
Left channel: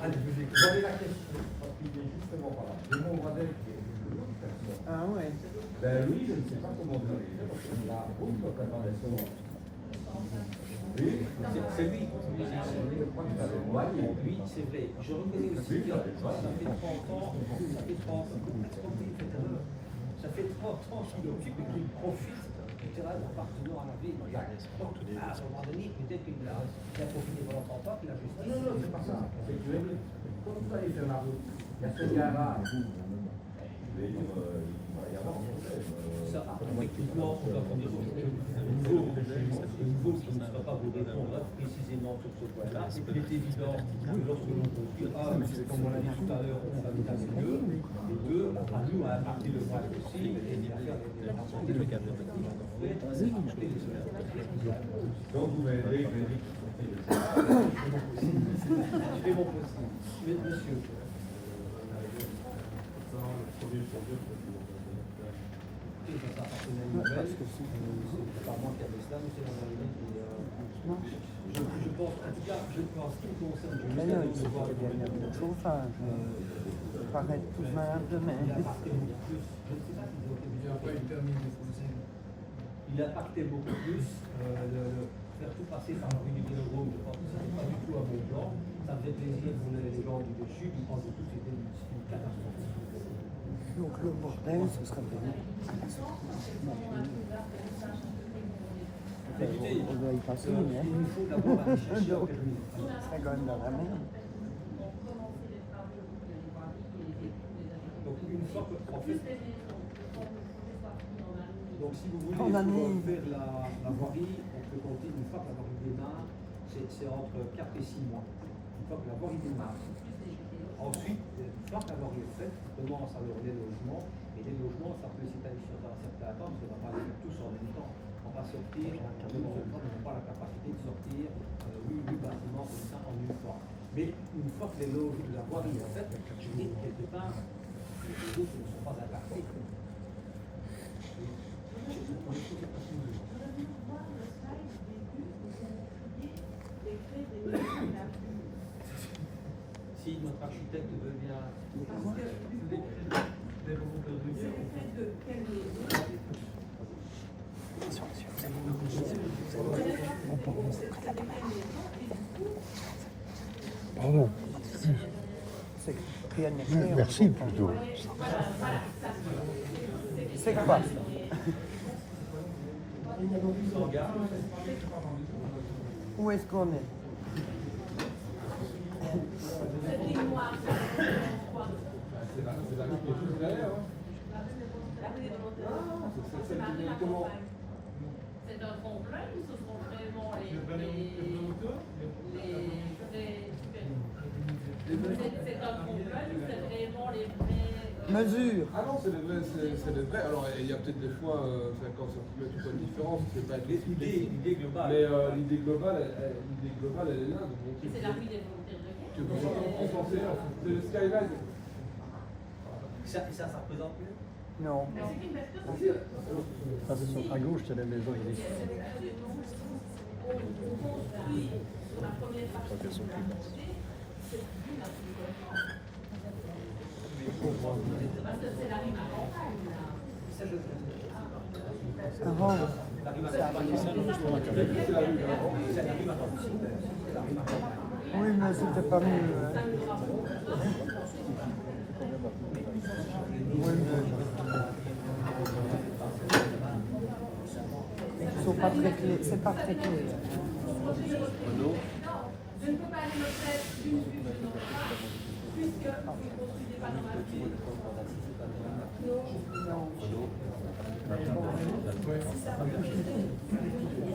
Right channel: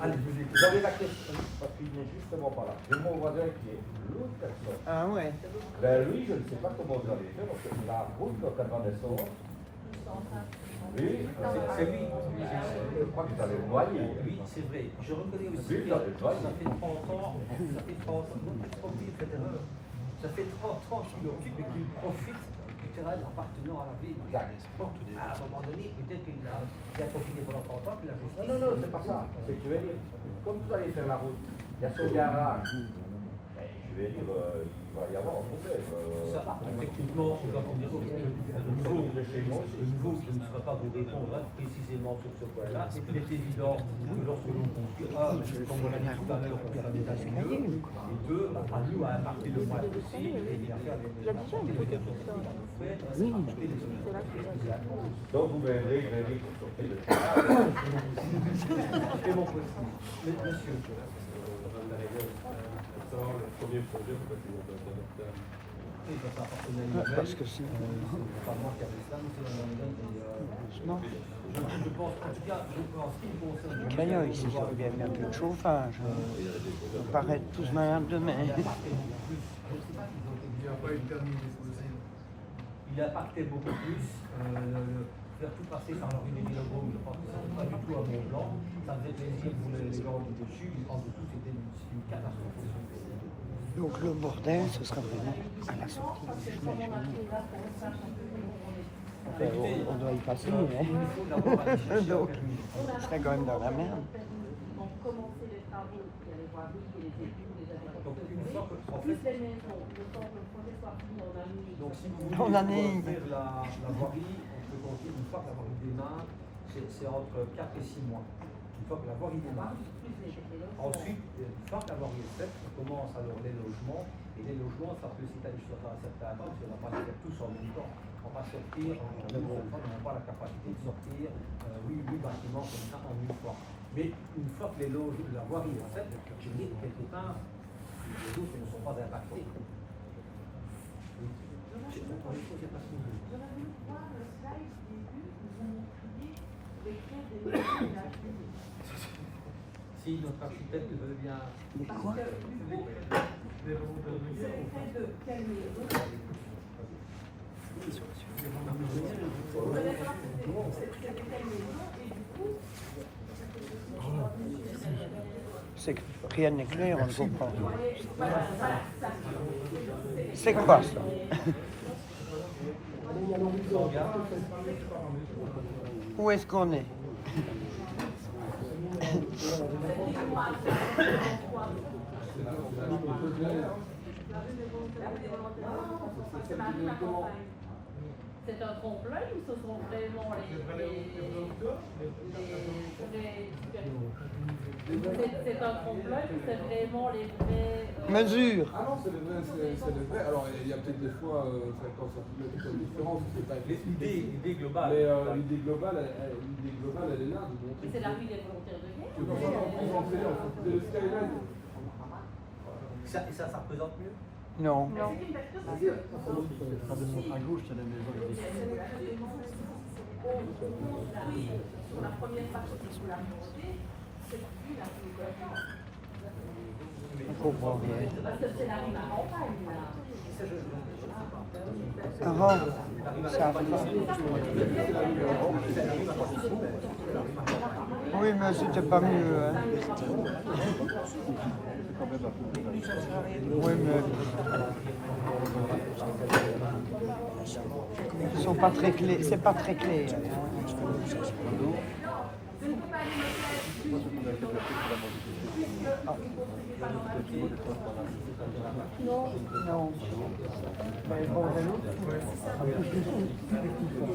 Allez, je vous écoute. J'avais la question, parce qu'il est justement pas là. J'ai mon voisin qui est de l'autre personne. Ah ouais. Ben lui, je ne sais pas comment vous avez fait, parce que la route, quand t'as pas de son. C'est lui. Oui, c'est vrai. Je reconnais aussi que ça fait 30 ans, ça fait 30 ans qu'il occupe et qu'il profite du terrain appartenant à la ville. À un moment donné, peut-être qu'il a profité pendant 30 ans, puis la justice. Non, c'est pas ça. C'est que tu vas dire, comme vous allez faire la route, il y a ce garage. Je vais dire, il va y avoir un hôtel. Ça, effectivement, on va dire le niveau qui ne sera pas vous répondre précisément sur ce point-là. Et puis il est évident que lorsque l'on conclut, comme on l'a dit tout à l'heure, on fait un état des lieux, et deux, à nous à impacter le moins possible, et à faire apporter les gâteaux techniques à nos frais, apporter les solutions. Donc vous verrez, Je fais mon possible. Monsieur. Ça appartenait à une nouvelle, c'est pas moi qui avais cela, mais c'est la nouvelle. Je pense, en tout cas, en ce qui me concerne, je vais aller voir le chauffage. Ça paraît tous mal demain. Il a impacté beaucoup plus. Je ne sais pas s'ils ont été bien. Il a impacté beaucoup plus. Faire tout passer par la rue du Vélodrome, je pense que ce n'était pas du tout à mon plan. Ça faisait plaisir pour les gens du dessus, mais en dessous, c'était une catastrophe. Donc le bordel, ce sera pas à la sortie. Écoutez, il nous faut d'abord aller chercher en quelque chose. On serait quand même dans la merde. Donc une fois que, en fait, donc si vous voulez pour faire la voirie, on peut compter une fois que la voirie démarre, c'est entre 4 et 6 mois. Une fois que la voirie démarre. Ensuite, une fois que la voirie est faite, on commence alors les logements. Et les logements, ça peut s'étaler sur un certain temps, parce qu'on n'a pas les faire tous en même temps. On va sortir, en une seule fois, on n'a pas la capacité de sortir 8 bâtiments comme ça en une fois. Mais une fois que la voirie est faite, quelque part, les autres ne sont pas impactés. Si notre architecte veut bien. Parce que c'est fait de quelle maison? C'est de quelle maison et du coup. Pardon. C'est que rien n'est clair. Merci plutôt. C'est quoi? Où est-ce qu'on est? C'est un trompe-l'œil ou ce sont vraiment les c'est un trompe-l'œil ou c'est vraiment les vraies mesures? Ah non, c'est les vrais. Alors il y a peut-être des fois 50 cm de différence, c'est pas l'idée globale. Mais l'idée globale, elle est là. c'est la ville des volontaires de guerre. C'est le skyline. Et ça représente mieux? Non. À gauche, c'est la maison. On construit sur la première partie de la montée, c'est plus la plus collante. Parce que c'est la rue à campagne, là. Comment? La rue à campagne, c'est la rue à campagne. Oui, mais c'était pas mieux. Hein. Oui, mais pas très clair. C'est pas très clair. Je ne peux pas aller me faire d'une vue sur le plan, puisque vous ne construisez pas dans ma vie.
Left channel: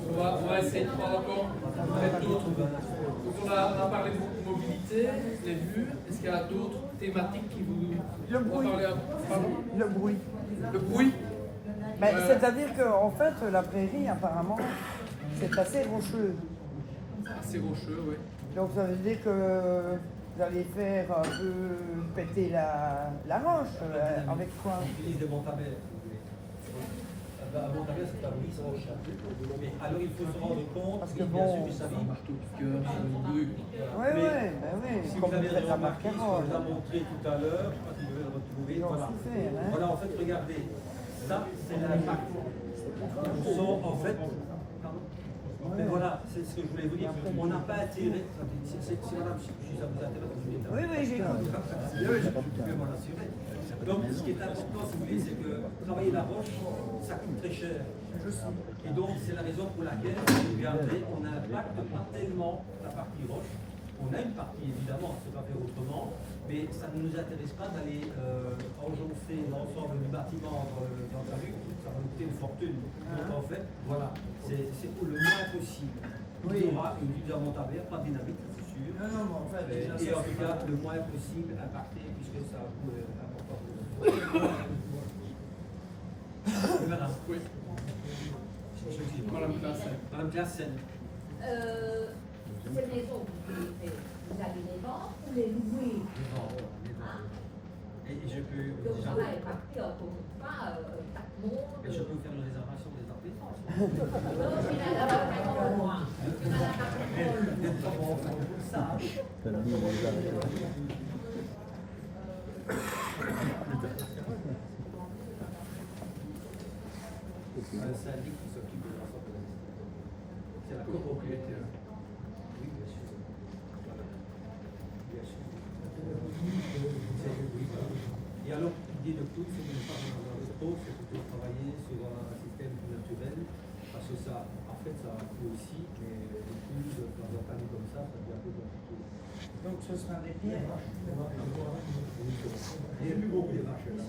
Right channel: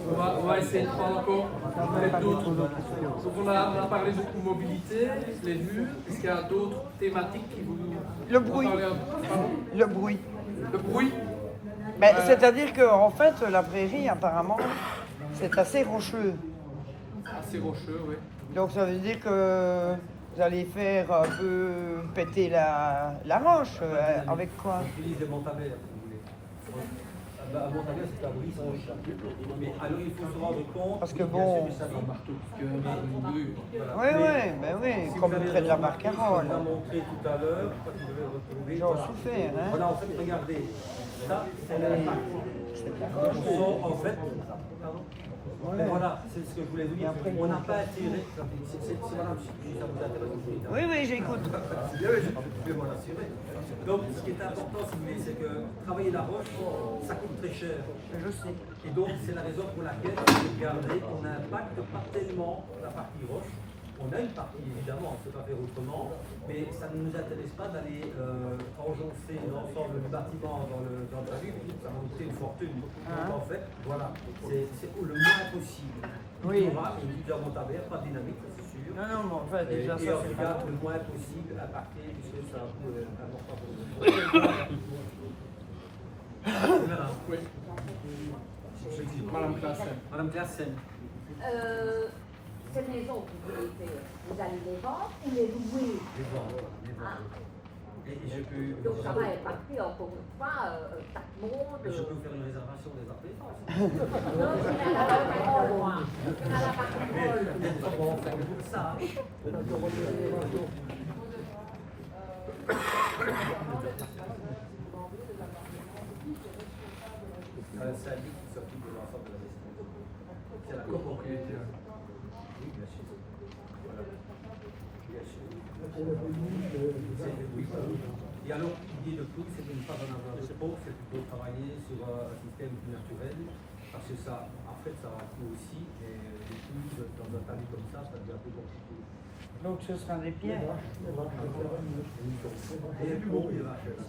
On va essayer de prendre encore peut-être d'autres. Donc on a parlé beaucoup de mobilité, les vues. Est-ce qu'il y a d'autres thématiques qui vous Le bruit. Pardon? Le bruit. Le bruit. Mais c'est-à-dire qu'en fait, la prairie, apparemment, c'est assez rocheux. Assez rocheux, oui. Donc ça veut dire que vous allez faire un peu péter la roche. Avec quoi? On utilise des montabères, si vous voulez. Un montabère, c'est un brise roche. Mais alors il faut se rendre compte, parce que bien bon, sûr, du savez. Marteau piqueur, une Oui, Si comme vous avez fait la remarqué, ce qu'on vous a montré tout à l'heure, je sais pas si vous devez le retrouver, voilà. Voilà, en fait, regardez, ça, c'est l'impact. On sent, en fait, pardon. Mais voilà, c'est ce que je voulais vous dire. On n'a pas attiré. C'est madame, si ça vous intéresse, vous voulez. Oui, j'écoute. Je peux m'en assurer. Donc, ce qui est important, si vous voulez, c'est que travailler la roche, ça coûte très cher. Je sais. Et donc, c'est la raison pour laquelle, regardez, on n'impacte pas tellement la partie roche. On a une partie, évidemment, on ne peut pas faire autrement, mais ça ne nous intéresse pas d'aller enjoncer l'ensemble du bâtiment dans le talus, ça va nous coûter une fortune. Donc en fait, voilà, c'est le moins possible. Il y aura une lutte montabère, pas de dynamite, ça c'est sûr. Et en tout cas, le moins possible impacté, puisque c'est un coût important pour nous. Voilà. Oui. Madame Classen. Madame Classen. Cette maison, vous allez les vendre ou les louer? Les vendre, les vendre. Et je peux. Donc ça va impacter encore une fois 4 mondes. Je peux vous faire une réservation des appelances. Non, c'est à la parole, moi. C'est à la parole. Ça. C'est un syndic qui s'occupe de l'ensemble de la gestion. C'est la copropriété. Oui, bien sûr. Voilà. Bien sûr. Oui, voilà. Et alors, l'idée de plus, c'est de ne pas en avoir de trop, c'est plutôt travailler sur un système plus naturel, parce que ça, en fait, ça a un coût aussi, mais les plus dans un talus comme ça devient plus compliqué. Donc ce sera les pierres. Il y a plus beaucoup de vaches là.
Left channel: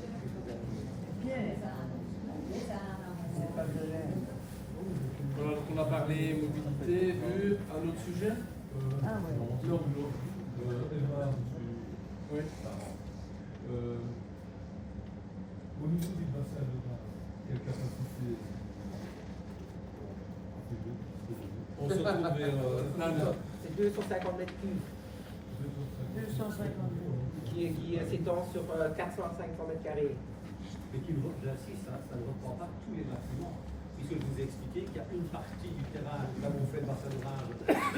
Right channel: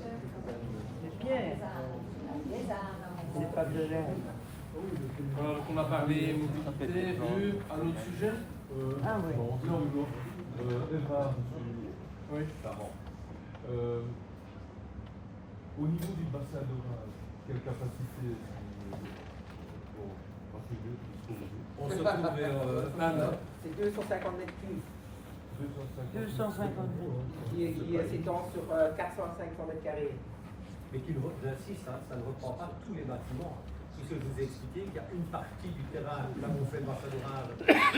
Les pierres. C'est pas violent. Voilà, donc on a parlé mobilité, vue, un autre sujet. Ah oui. Non, oui. Au niveau des bassins d'orage, quelle capacité On se trouve vers. C'est 250 mètres cubes. 250 Qui s'étend sur 400-500 mètres carrés. Mais j'insiste, ça ne reprend pas tous les bâtiments. Puisque je vous ai expliqué qu'il y a une partie du terrain, là où on fait le bassin d'orage,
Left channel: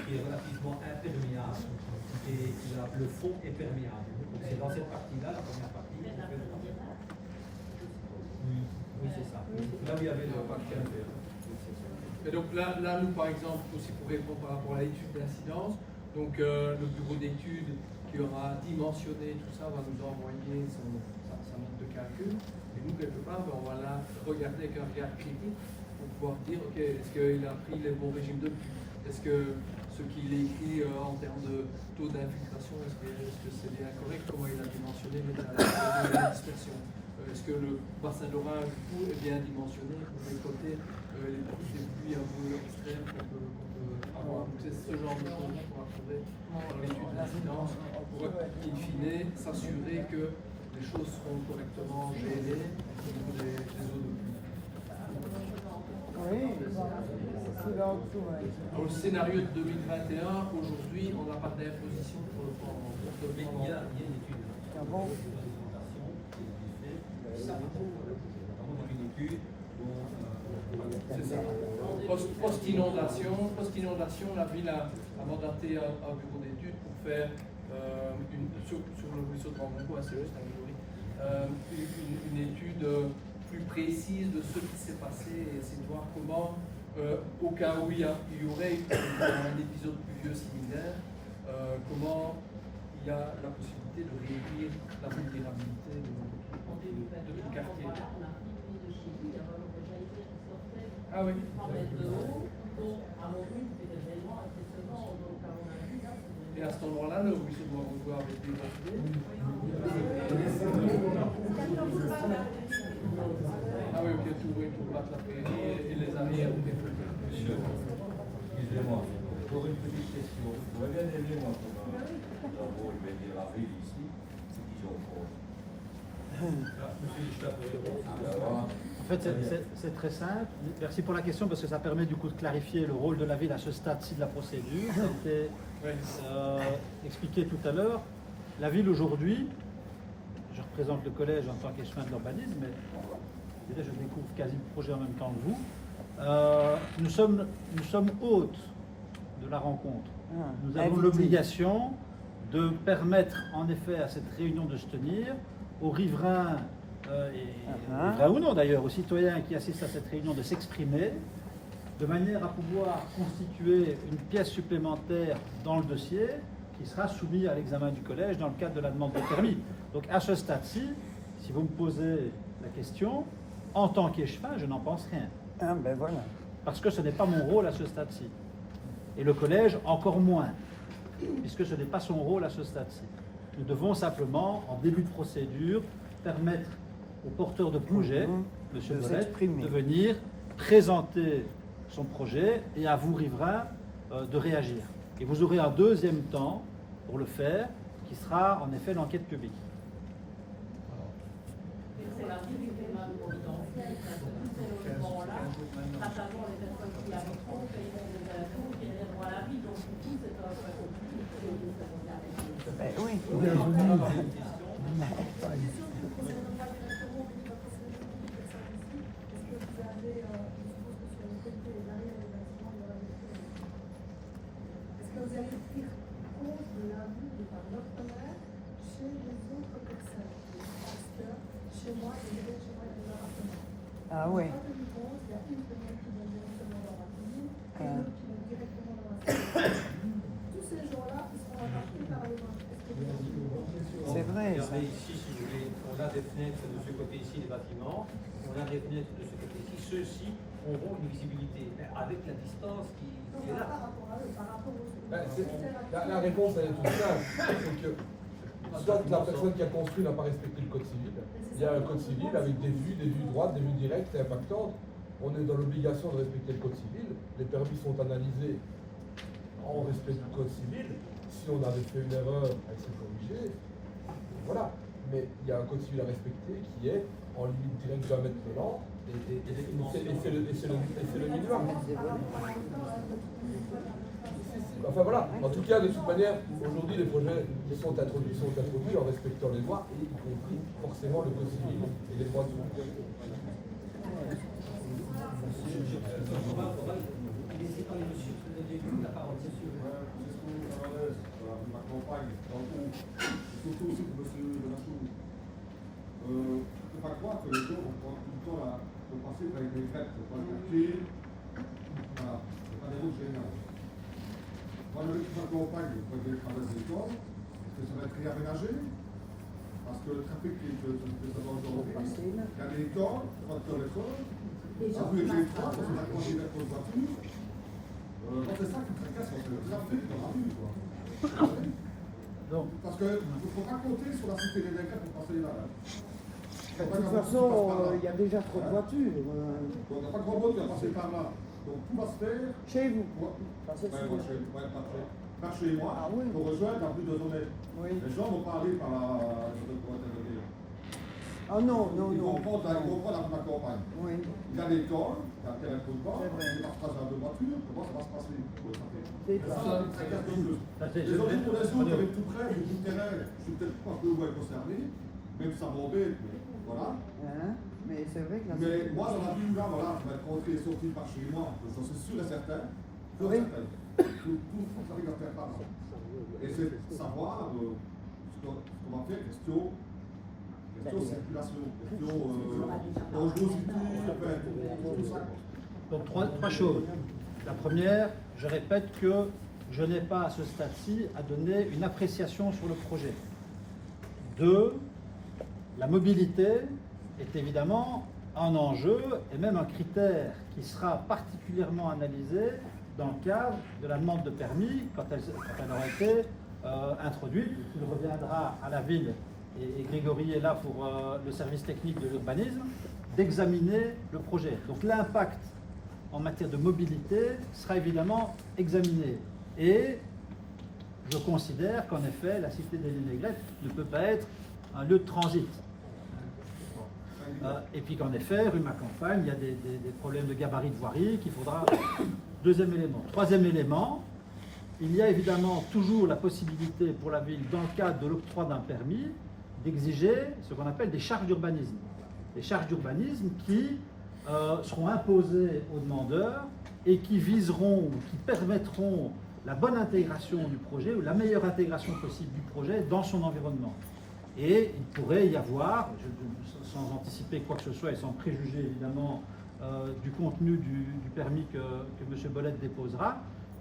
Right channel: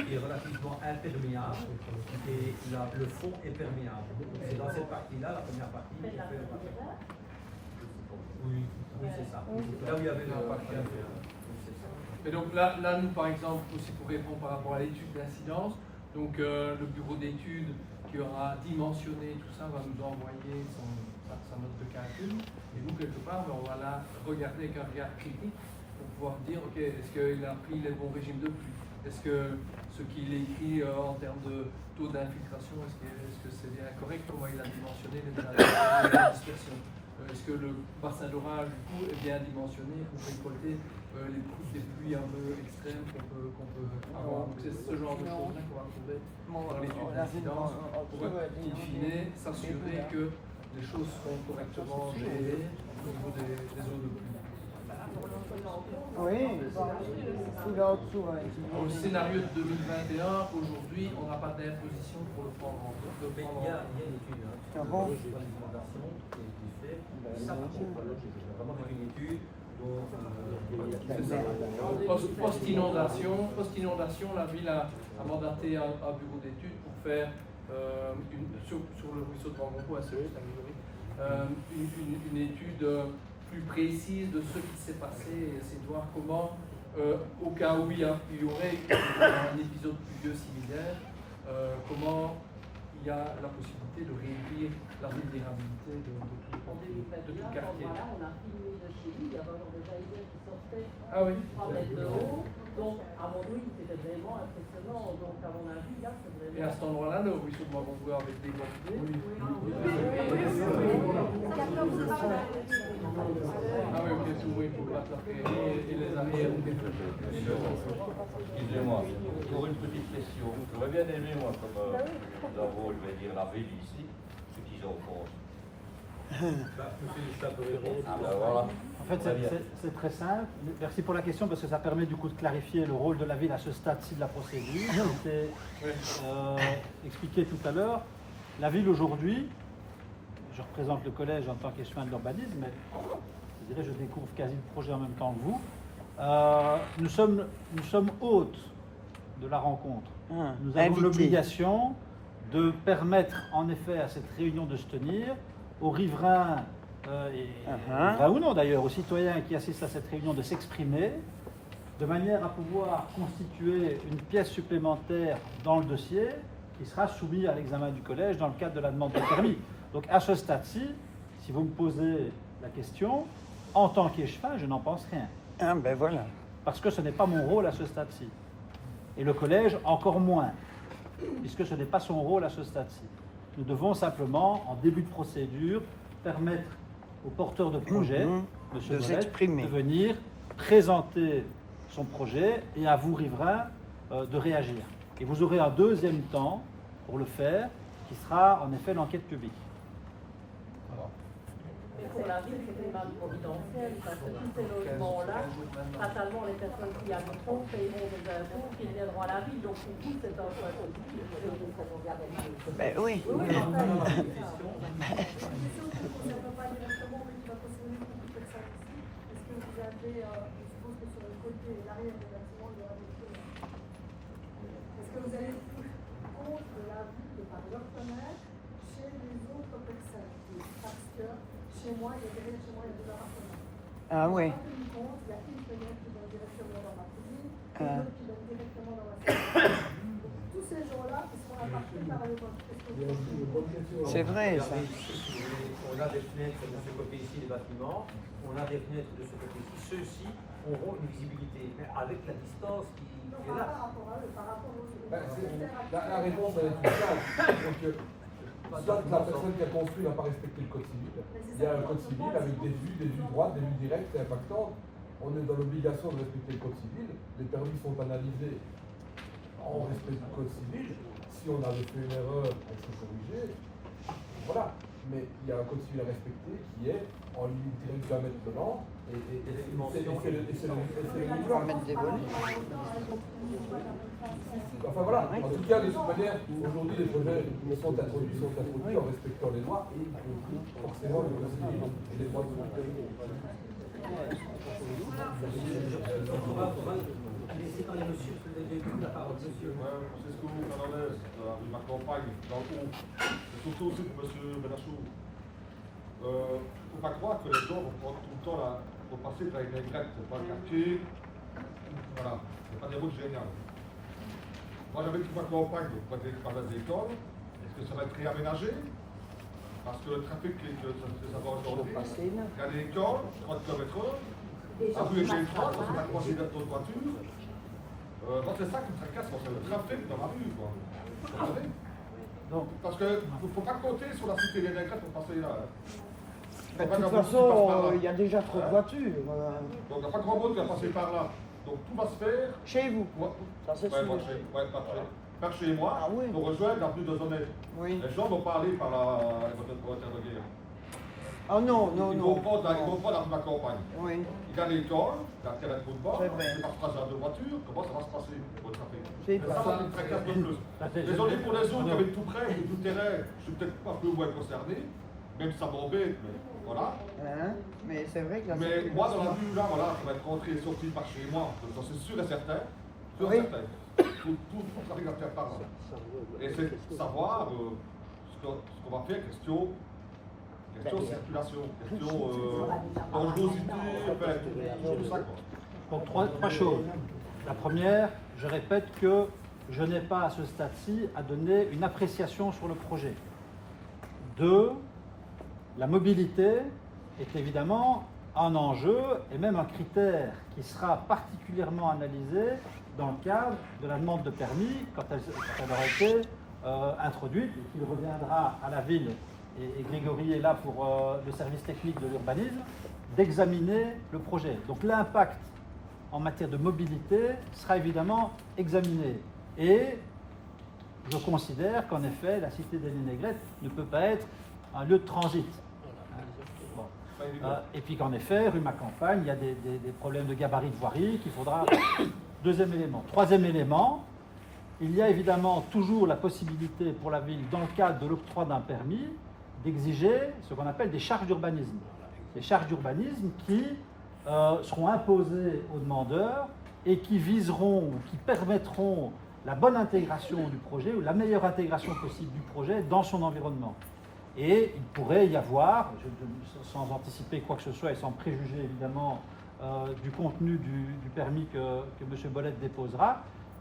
qui est relativement imperméable, et là, le fond est perméable. Donc c'est dans cette partie-là, la première partie, qu'on fait le bassin d'orage. Oui, c'est ça. Là où il y avait le parti à faire. Et donc là, nous par exemple, aussi pour répondre par rapport à l'étude d'incidence, donc le bureau d'études qui aura dimensionné tout ça va nous envoyer sa note de calcul. Et nous, quelque part, on va là regarder avec un regard critique pour pouvoir dire, ok, est-ce qu'il a pris les bons régimes de pluie? Est-ce que ce qu'il écrit en termes de taux d'infiltration, est-ce que c'est bien correct? Comment il a dimensionné la dispersion? Est-ce que le bassin d'orage du coup est bien dimensionné pour récolter les pluies un peu extrêmes qu'on peut avoir? Donc c'est ce genre de choses-là qu'on va trouver dans l'étude d'incidence pour, in fine, s'assurer que les choses seront correctement gérées au niveau des eaux de pluie. Oui, Au scénario de 2021, aujourd'hui, on n'a pas d'imposition pour le prendre en compte. Mais il y a une étude, sur l'alimentation qui est faite. Ça, par contre, c'est vraiment une étude dont. C'est ça. Post-inondation, la ville a mandaté un bureau d'études pour faire sur le ruisseau de Rangongo, c'est juste un une étude plus précise de ce qui s'est passé et essayer de voir comment, au cas où il y aurait un épisode pluvieux similaire, comment il y a la possibilité de réduire la vulnérabilité de tout le quartier. Ah oui. Donc, avons-nous peut-être des éléments impressionnants, donc à mon avis, là, ça devrait... Et à cet endroit-là, nous, oui, sûrement qu'on doit avec des gonflés. Ah oui, ok, tout, oui, pour battre la prairie et les arrières, ok. Monsieur, excusez-moi, pour une petite question, j'aurais bien aimé, moi, comme rôle, je vais dire, la ville ici, ce qu'ils ont fait. Monsieur Gustave peut répondre. Voilà. En fait, c'est très simple. Merci pour la question parce que ça permet du coup de clarifier le rôle de la ville à ce stade-ci de la procédure. Ça a été expliqué tout à l'heure. La ville aujourd'hui, je représente le collège en tant qu'échevin de l'urbanisme, mais je dirais je découvre quasi le projet en même temps que vous. Nous sommes hôtes de la rencontre. Nous avons l'obligation de permettre en effet à cette réunion de se tenir, aux riverains, riverains ou non d'ailleurs, aux citoyens qui assistent à cette réunion de s'exprimer, de manière à pouvoir constituer une pièce supplémentaire dans le dossier qui sera soumis à l'examen du collège dans le cadre de la demande de permis. Donc à ce stade-ci, si vous me posez la question, en tant qu'échevin, je n'en pense rien. Ah ben voilà. Parce que ce n'est pas mon rôle à ce stade-ci. Et le collège encore moins, puisque ce n'est pas son rôle à ce stade-ci. Nous devons simplement, en début de procédure, permettre au porteur de projet, M. Bolette, de venir présenter son projet et à vous, riverains, de réagir. Et vous aurez un deuxième temps pour le faire, qui sera en effet l'enquête publique. Pour la ville, c'est vraiment confidentiel, parce que tous ces logements-là, fatalement, les personnes qui habiteront paieront des impôts qui aideront à la vie. Donc, pour tous, c'est un choix politique. Ben oui. Est-ce que vous allez tenir compte de l'avis et par leur fenêtre chez les autres personnes? Parce que chez moi, il y a des chez moi, il y a des appartements. Ah oui. On n'a pas tenu compte, il y a une fenêtre qui donne directement dans ma commune, et une autre qui donne directement dans la salle. Tous ces gens-là, ils seront impactés par le vent. C'est vrai. Regardez ici, si vous voulez, on a des fenêtres de ce côté ici, des bâtiments, on a des fenêtres de ce côté-ci. Ceux-ci auront une visibilité, mais avec la distance qui est là. Par rapport à eux, par rapport aux autres. La réponse, elle est toute simple. C'est que soit la personne qui a construit n'a pas respecté le code civil, il y a un code civil avec des vues droites, des vues directes et impactantes. On est dans l'obligation de respecter le code civil. Les permis sont analysés en respect du code civil. Si on avait fait une erreur, elle s'est corrigée. Voilà. Mais il y a un code civil à respecter qui est en ligne directe d'un mètre de lent. Et c'est le minimum. Enfin voilà, en tout cas, de toute manière, aujourd'hui, les projets sont introduits en respectant les lois, et y compris forcément le code civil et les droits de l'homme. On va laisser parler monsieur, parce que vous avez beaucoup la parole, monsieur. C'est ce que vous parlez de ma campagne, dans le fond, surtout aussi de monsieur Benachou. Il ne faut pas croire que les gens vont prendre tout le temps là, vont passer avec des grecs, c'est pas le quartier, voilà, c'est pas des routes géniales. Moi j'avais toute ma campagne pour des écoles, est-ce que ça va être réaménagé? Parce que le trafic que ça va aujourd'hui, il y a des écoles, 3 km/h, à rue et 3, ça s'est accroché aux voitures. Donc c'est ça qui me tracasse, c'est le trafic dans la rue, quoi. Parce qu'il ne faut pas compter sur la cité des Grecs pour passer là. De toute façon, il y a déjà trop de voitures. Donc il n'y a pas grand monde qui va passer par là. Donc tout va se faire. Chez vous? Par chez moi, pour rejoindre la rue de Zonnet. Les gens vont pas aller par la zone pour intervenir. Ah non, non, ils vont prendre la rue de la campagne. Il y a l'école, dans laquelle elle ne trouve pas, il passe à deux voitures, comment ça va se passer? Ça me tracasse de plus. Désolé pour les autres qui avaient tout près, tout terrain, je suis peut-être pas plus moins concerné, même si ça m'embête, mais voilà. Mais c'est vrai que mais moi, dans la ville là, voilà, qui va être rentré et sorti par chez moi, j'en suis sûr et certain, tout ça va faire par là. Et c'est savoir ce qu'on va faire, question circulation, question dangerosité, tout ça quoi. Donc trois choses. La première, je répète que je n'ai pas à ce stade-ci à donner une appréciation sur le projet. 2, la mobilité est évidemment un enjeu et même un critère qui sera particulièrement analysé dans le cadre de la demande de permis quand elle aura été introduite et qu'il reviendra à la ville, et Grégory est là pour le service technique de l'urbanisme, d'examiner le projet. Donc l'impact en matière de mobilité sera évidemment examiné. Et je considère qu'en effet, la cité des Lignes-Aigrettes ne peut pas être un lieu de transit. Bon. Et puis qu'en effet, rue Macampagne, il y a des problèmes de gabarit de voirie qu'il faudra... Deuxième élément. Troisième élément, il y a évidemment toujours la possibilité pour la ville, dans le cadre de l'octroi d'un permis, d'exiger ce qu'on appelle des charges d'urbanisme. Des charges d'urbanisme qui seront imposées aux demandeurs et qui viseront ou qui permettront la bonne intégration du projet ou la meilleure intégration possible du projet dans son environnement. Et il pourrait y avoir, sans anticiper quoi que ce soit et sans préjuger évidemment du contenu du permis que M. Bolette déposera,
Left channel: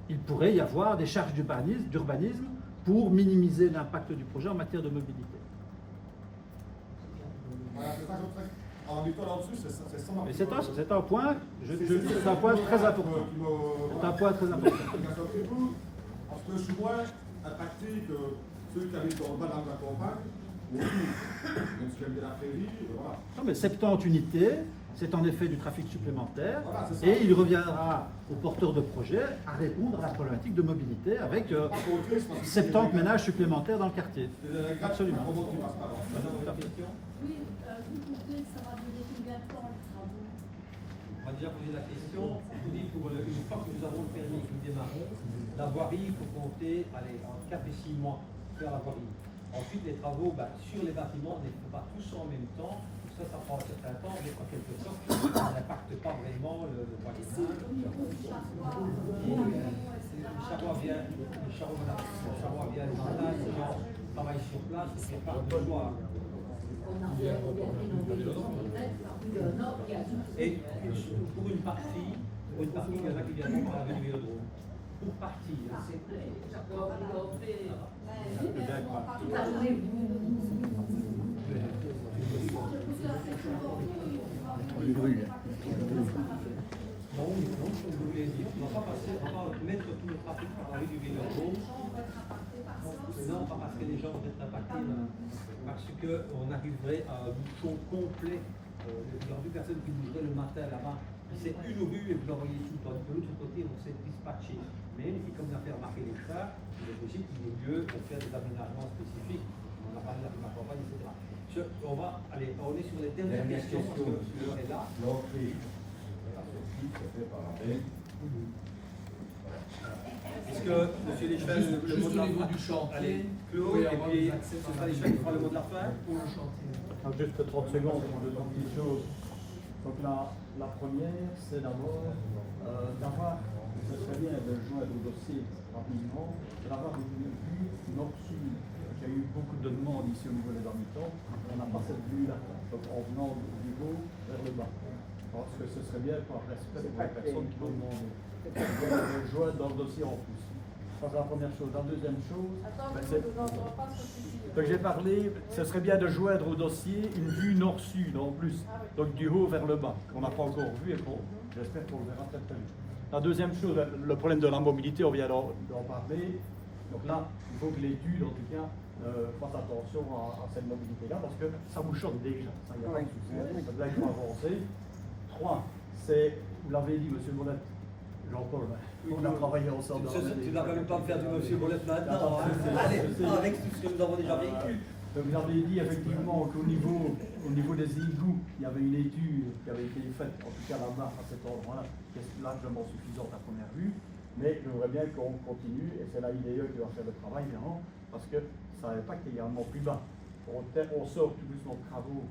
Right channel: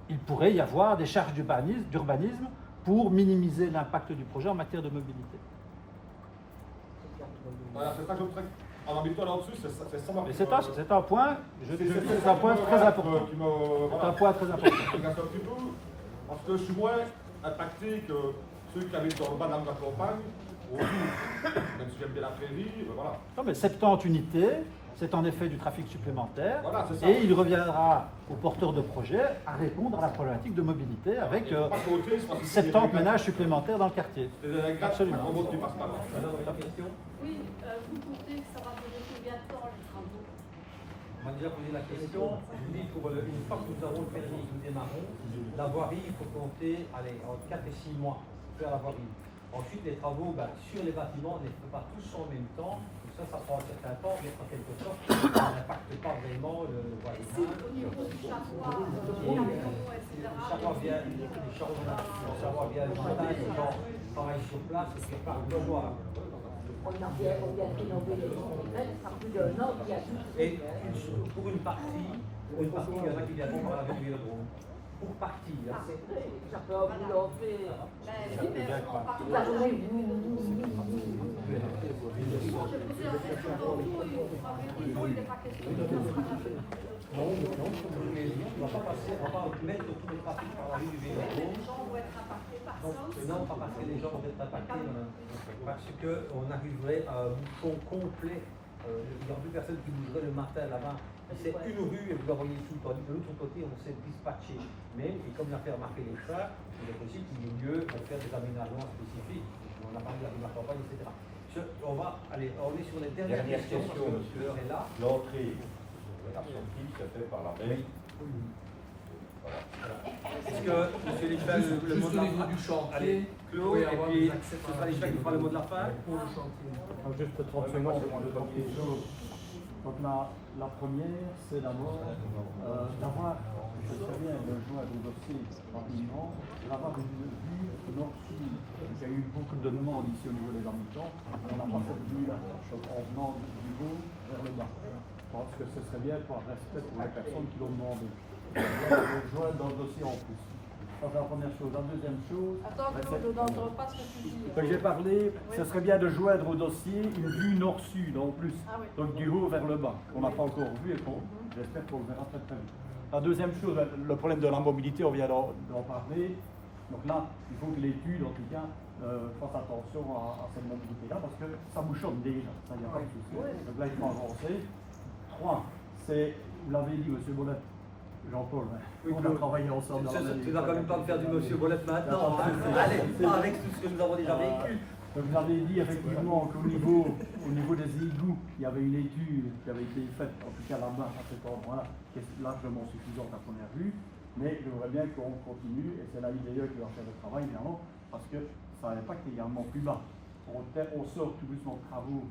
il pourrait y avoir des charges d'urbanisme pour minimiser l'impact du projet en matière de mobilité. Voilà, c'est ça que je voudrais. Alors, mais toi là-dessus, c'est ça. Mais c'est un point, c'est un point très important. C'est un point très important. Parce que je suis moins impacté que ceux qui habitent dans le bas de la campagne, ou même si j'aime bien la prairie, voilà. Non, mais 70 unités, c'est en effet du trafic supplémentaire, voilà, et il reviendra aux porteurs de projets à répondre à la problématique de mobilité avec 70 ménages supplémentaires dans le quartier. Absolument. Oui, vous comptez que ça va durer combien de temps les travaux? On va déjà poser la question. Je vous dis, une fois que nous avons le permis et que nous démarrons, la voirie, il faut compter entre 4 et 6 mois pour faire la voirie. Ensuite, les travaux sur les bâtiments, on ne les fait pas tous en même temps. Ça prend un certain temps, mais en quelque sorte, ça n'impacte pas vraiment le voisinage. Les charrois viennent le matin, les gens travaillent sur place, et puis partent le soir. Et pour une partie, il y en a qui viennent par la rue du Vélodrome. Pour partie. Non, comme je vous l'ai dit, on ne va pas mettre tout le trafic par la rue du Vélodrome. Non, pas parce que les gens vont être impactés, parce qu'on arriverait à un bouchon complet. Il n'y aura plus personne qui bougerait le matin là-bas. C'est une rue et vous la voyez tout. Tandis que de l'autre côté, on s'est dispatché. Mais, et comme l'a fait remarquer les chars, il est possible qu'il y ait lieu de faire des aménagements spécifiques. On a parlé de la campagne, etc. On est sur les dernières questions, parce que l'heure est là. L'entrée et la sortie, c'est fait par la veille. Est-ce que, M. Léchevin, le mot de la fin du chantier. Allez, Claude, et puis ce sera Léchevin qui fera le mot de la fin. Pour le chantier. Juste 30 secondes pour deux petites choses. Donc la première, c'est d'abord d'avoir, je sais très bien, de joindre au dossier rapidement, d'avoir une vue nord-sud. Il y a eu beaucoup de demandes ici au niveau des habitants. On n'a pas cette vue-là, donc en venant du haut vers le bas. Je pense que ce serait bien par respect pour les personnes qui l'ont demandé. De le joindre dans le dossier en plus. Ça, c'est la première chose. La deuxième chose, j'ai parlé, ce serait bien de joindre au dossier une vue nord-sud en plus, donc du haut vers le bas, qu'on n'a pas encore vu et j'espère qu'on le verra très très vite. La deuxième chose, le problème de la mobilité, on vient d'en parler. Donc là, il faut que l'étude, en tout cas, fasse attention à cette mobilité-là, parce que ça bouchonne déjà, ça, il n'y a pas de souci. Donc là, il faut avancer. 3, c'est, vous l'avez dit, M. Bolette, Jean-Paul, on a travaillé ensemble. Tu vas quand même pas me faire du M. Bolette maintenant. Allez, avec tout ce que nous avons déjà vécu. Donc vous avez dit effectivement qu'au niveau des égouts, il y avait une étude qui avait été faite, en tout cas là-bas, à cet endroit-là, qui est largement suffisante à première vue. Mais j'aimerais bien qu'on continue, et c'est la IDE qui va faire le travail, évidemment, parce que ça impact également plus bas. On sort tout doucement de travaux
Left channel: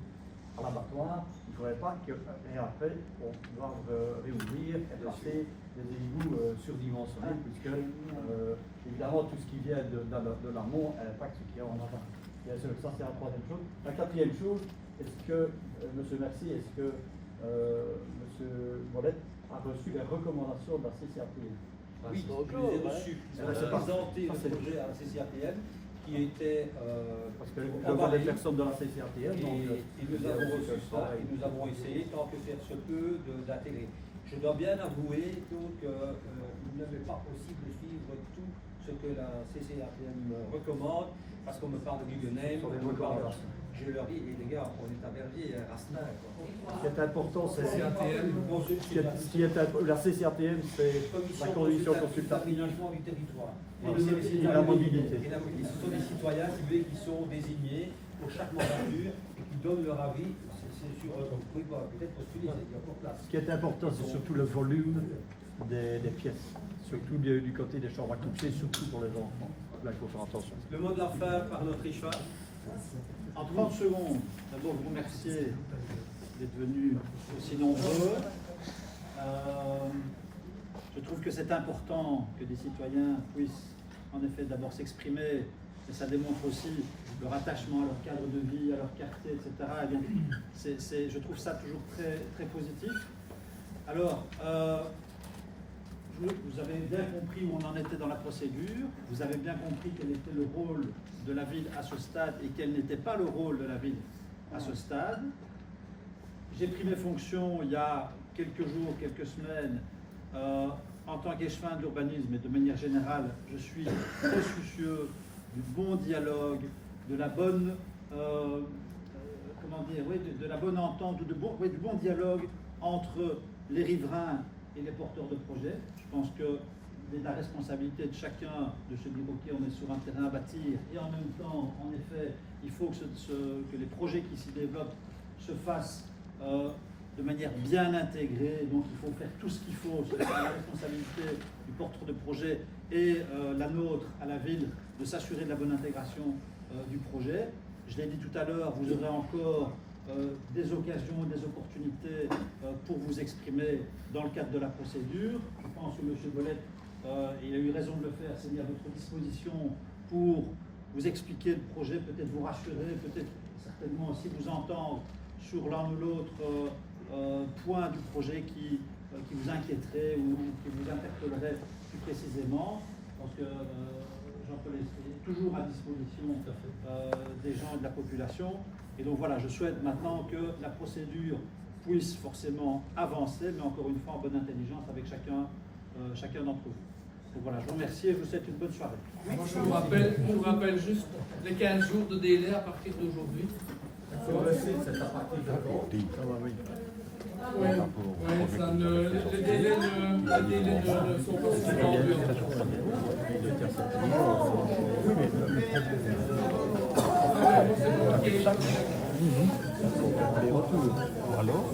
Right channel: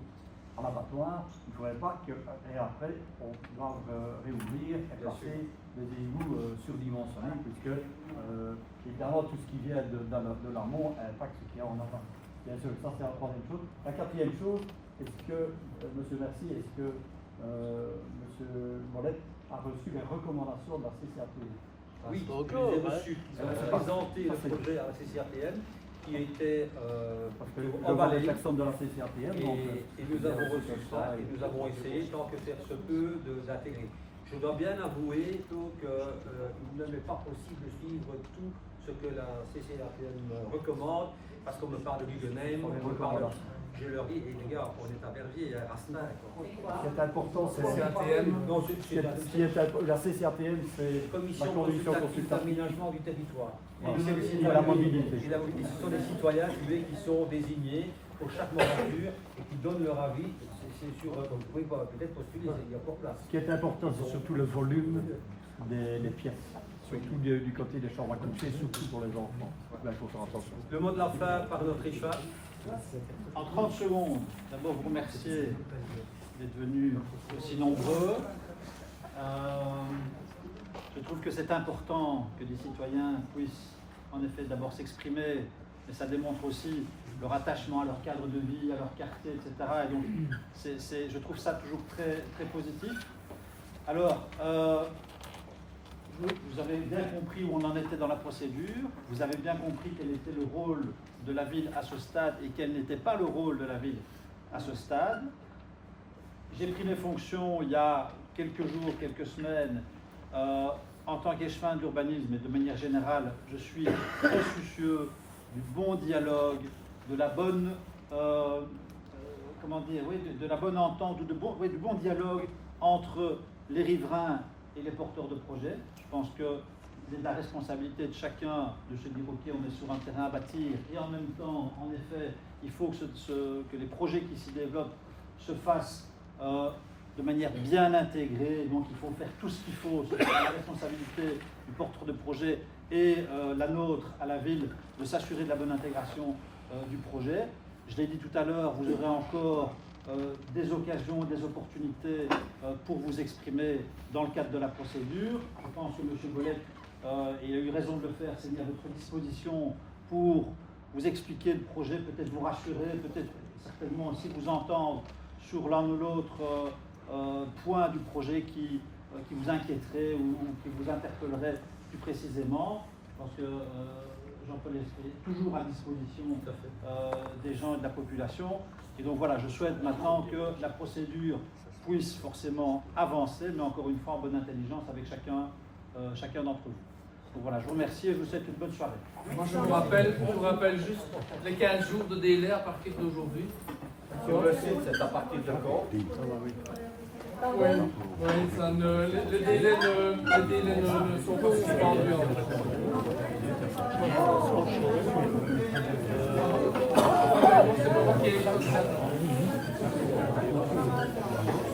à l'abattoir, il ne faudrait pas que, et après, on doive réouvrir et passer des égouts surdimensionnés, puisque évidemment tout ce qui vient de l'amont impacte ce qu'il y a en avant. Bien sûr, ça c'est la troisième chose. La quatrième chose, est-ce que, M. Mercier, est-ce que M. Bolette a reçu les recommandations de la CCATL? Oui, je les ai reçus. Ils ont présenté le projet à la CCATL. qui était Parce que pour je vois emballer. des personnes de la CCRTM, donc Et nous avons reçu ça et nous avons essayé, tant que faire se peut, d'intégrer. Je dois bien avouer qu'il ne m'est pas possible de suivre tout ce que la CCRTM recommande, parce qu'on me parle de Guggenheim, on me parle, je leur dis, les gars, on est à Verviers, à Rastin. ce qui est important, c'est la CCRTM, c'est la Commission condition consultative consultative. d'aménagement du territoire. Et c'est les la citoyens- mobilité. Et la mobilité. Ce sont les citoyens qui sont désignés pour chaque mandature et qui donnent leur avis. C'est sur eux. Donc vous pouvez peut-être postuler, il y a encore place. Ce qui est important, c'est surtout le volume des pièces, surtout du côté des chambres à coucher, surtout pour les enfants. Là, il faut faire attention. Le mot de la fin par notre Richard. En 30 secondes, d'abord vous remercier d'être venus aussi nombreux. Je trouve que c'est important que des citoyens puissent en effet d'abord s'exprimer, mais ça démontre aussi leur attachement à leur cadre de vie, à leur quartier, etc. Et donc je trouve ça toujours très, très positif. Alors, vous avez bien compris où on en était dans la procédure, vous avez bien compris quel était le rôle de la ville à ce stade et quel n'était pas le rôle de la ville à ce stade. J'ai pris mes fonctions il y a quelques jours, quelques semaines, en tant qu'échevin d'urbanisme et de manière générale, je suis très soucieux du bon dialogue, de la bonne, de la bonne entente, du bon dialogue entre les riverains et les porteurs de projets. Je pense que c'est la responsabilité de chacun de se dire ok, on est sur un terrain à bâtir et en même temps, en effet, il faut que les projets qui s'y développent se fassent de manière bien intégrée. Donc il faut faire tout ce qu'il faut. C'est la responsabilité du porteur de projet et la nôtre à la ville de s'assurer de la bonne intégration du projet. Je l'ai dit tout à l'heure, vous aurez encore des occasions, des opportunités pour vous exprimer dans le cadre de la procédure. Je pense que M. Bollet, il a eu raison de le faire, c'est mis à votre disposition pour vous expliquer le projet, peut-être vous rassurer, peut-être certainement aussi vous entendre sur l'un ou l'autre point du projet qui vous inquiéterait ou qui vous interpellerait plus précisément. Parce que Jean-Paul est toujours à disposition des gens et de la population. Et donc voilà, je souhaite maintenant que la procédure puisse forcément avancer, mais encore une fois en bonne intelligence avec chacun d'entre vous. Donc voilà, je vous remercie et je vous souhaite une bonne soirée. Moi, je vous rappelle juste les 15 jours de délai à partir d'aujourd'hui. C'est à partir Oui, ça les délais ne sont pas suspendus. C'est pas moi qui ai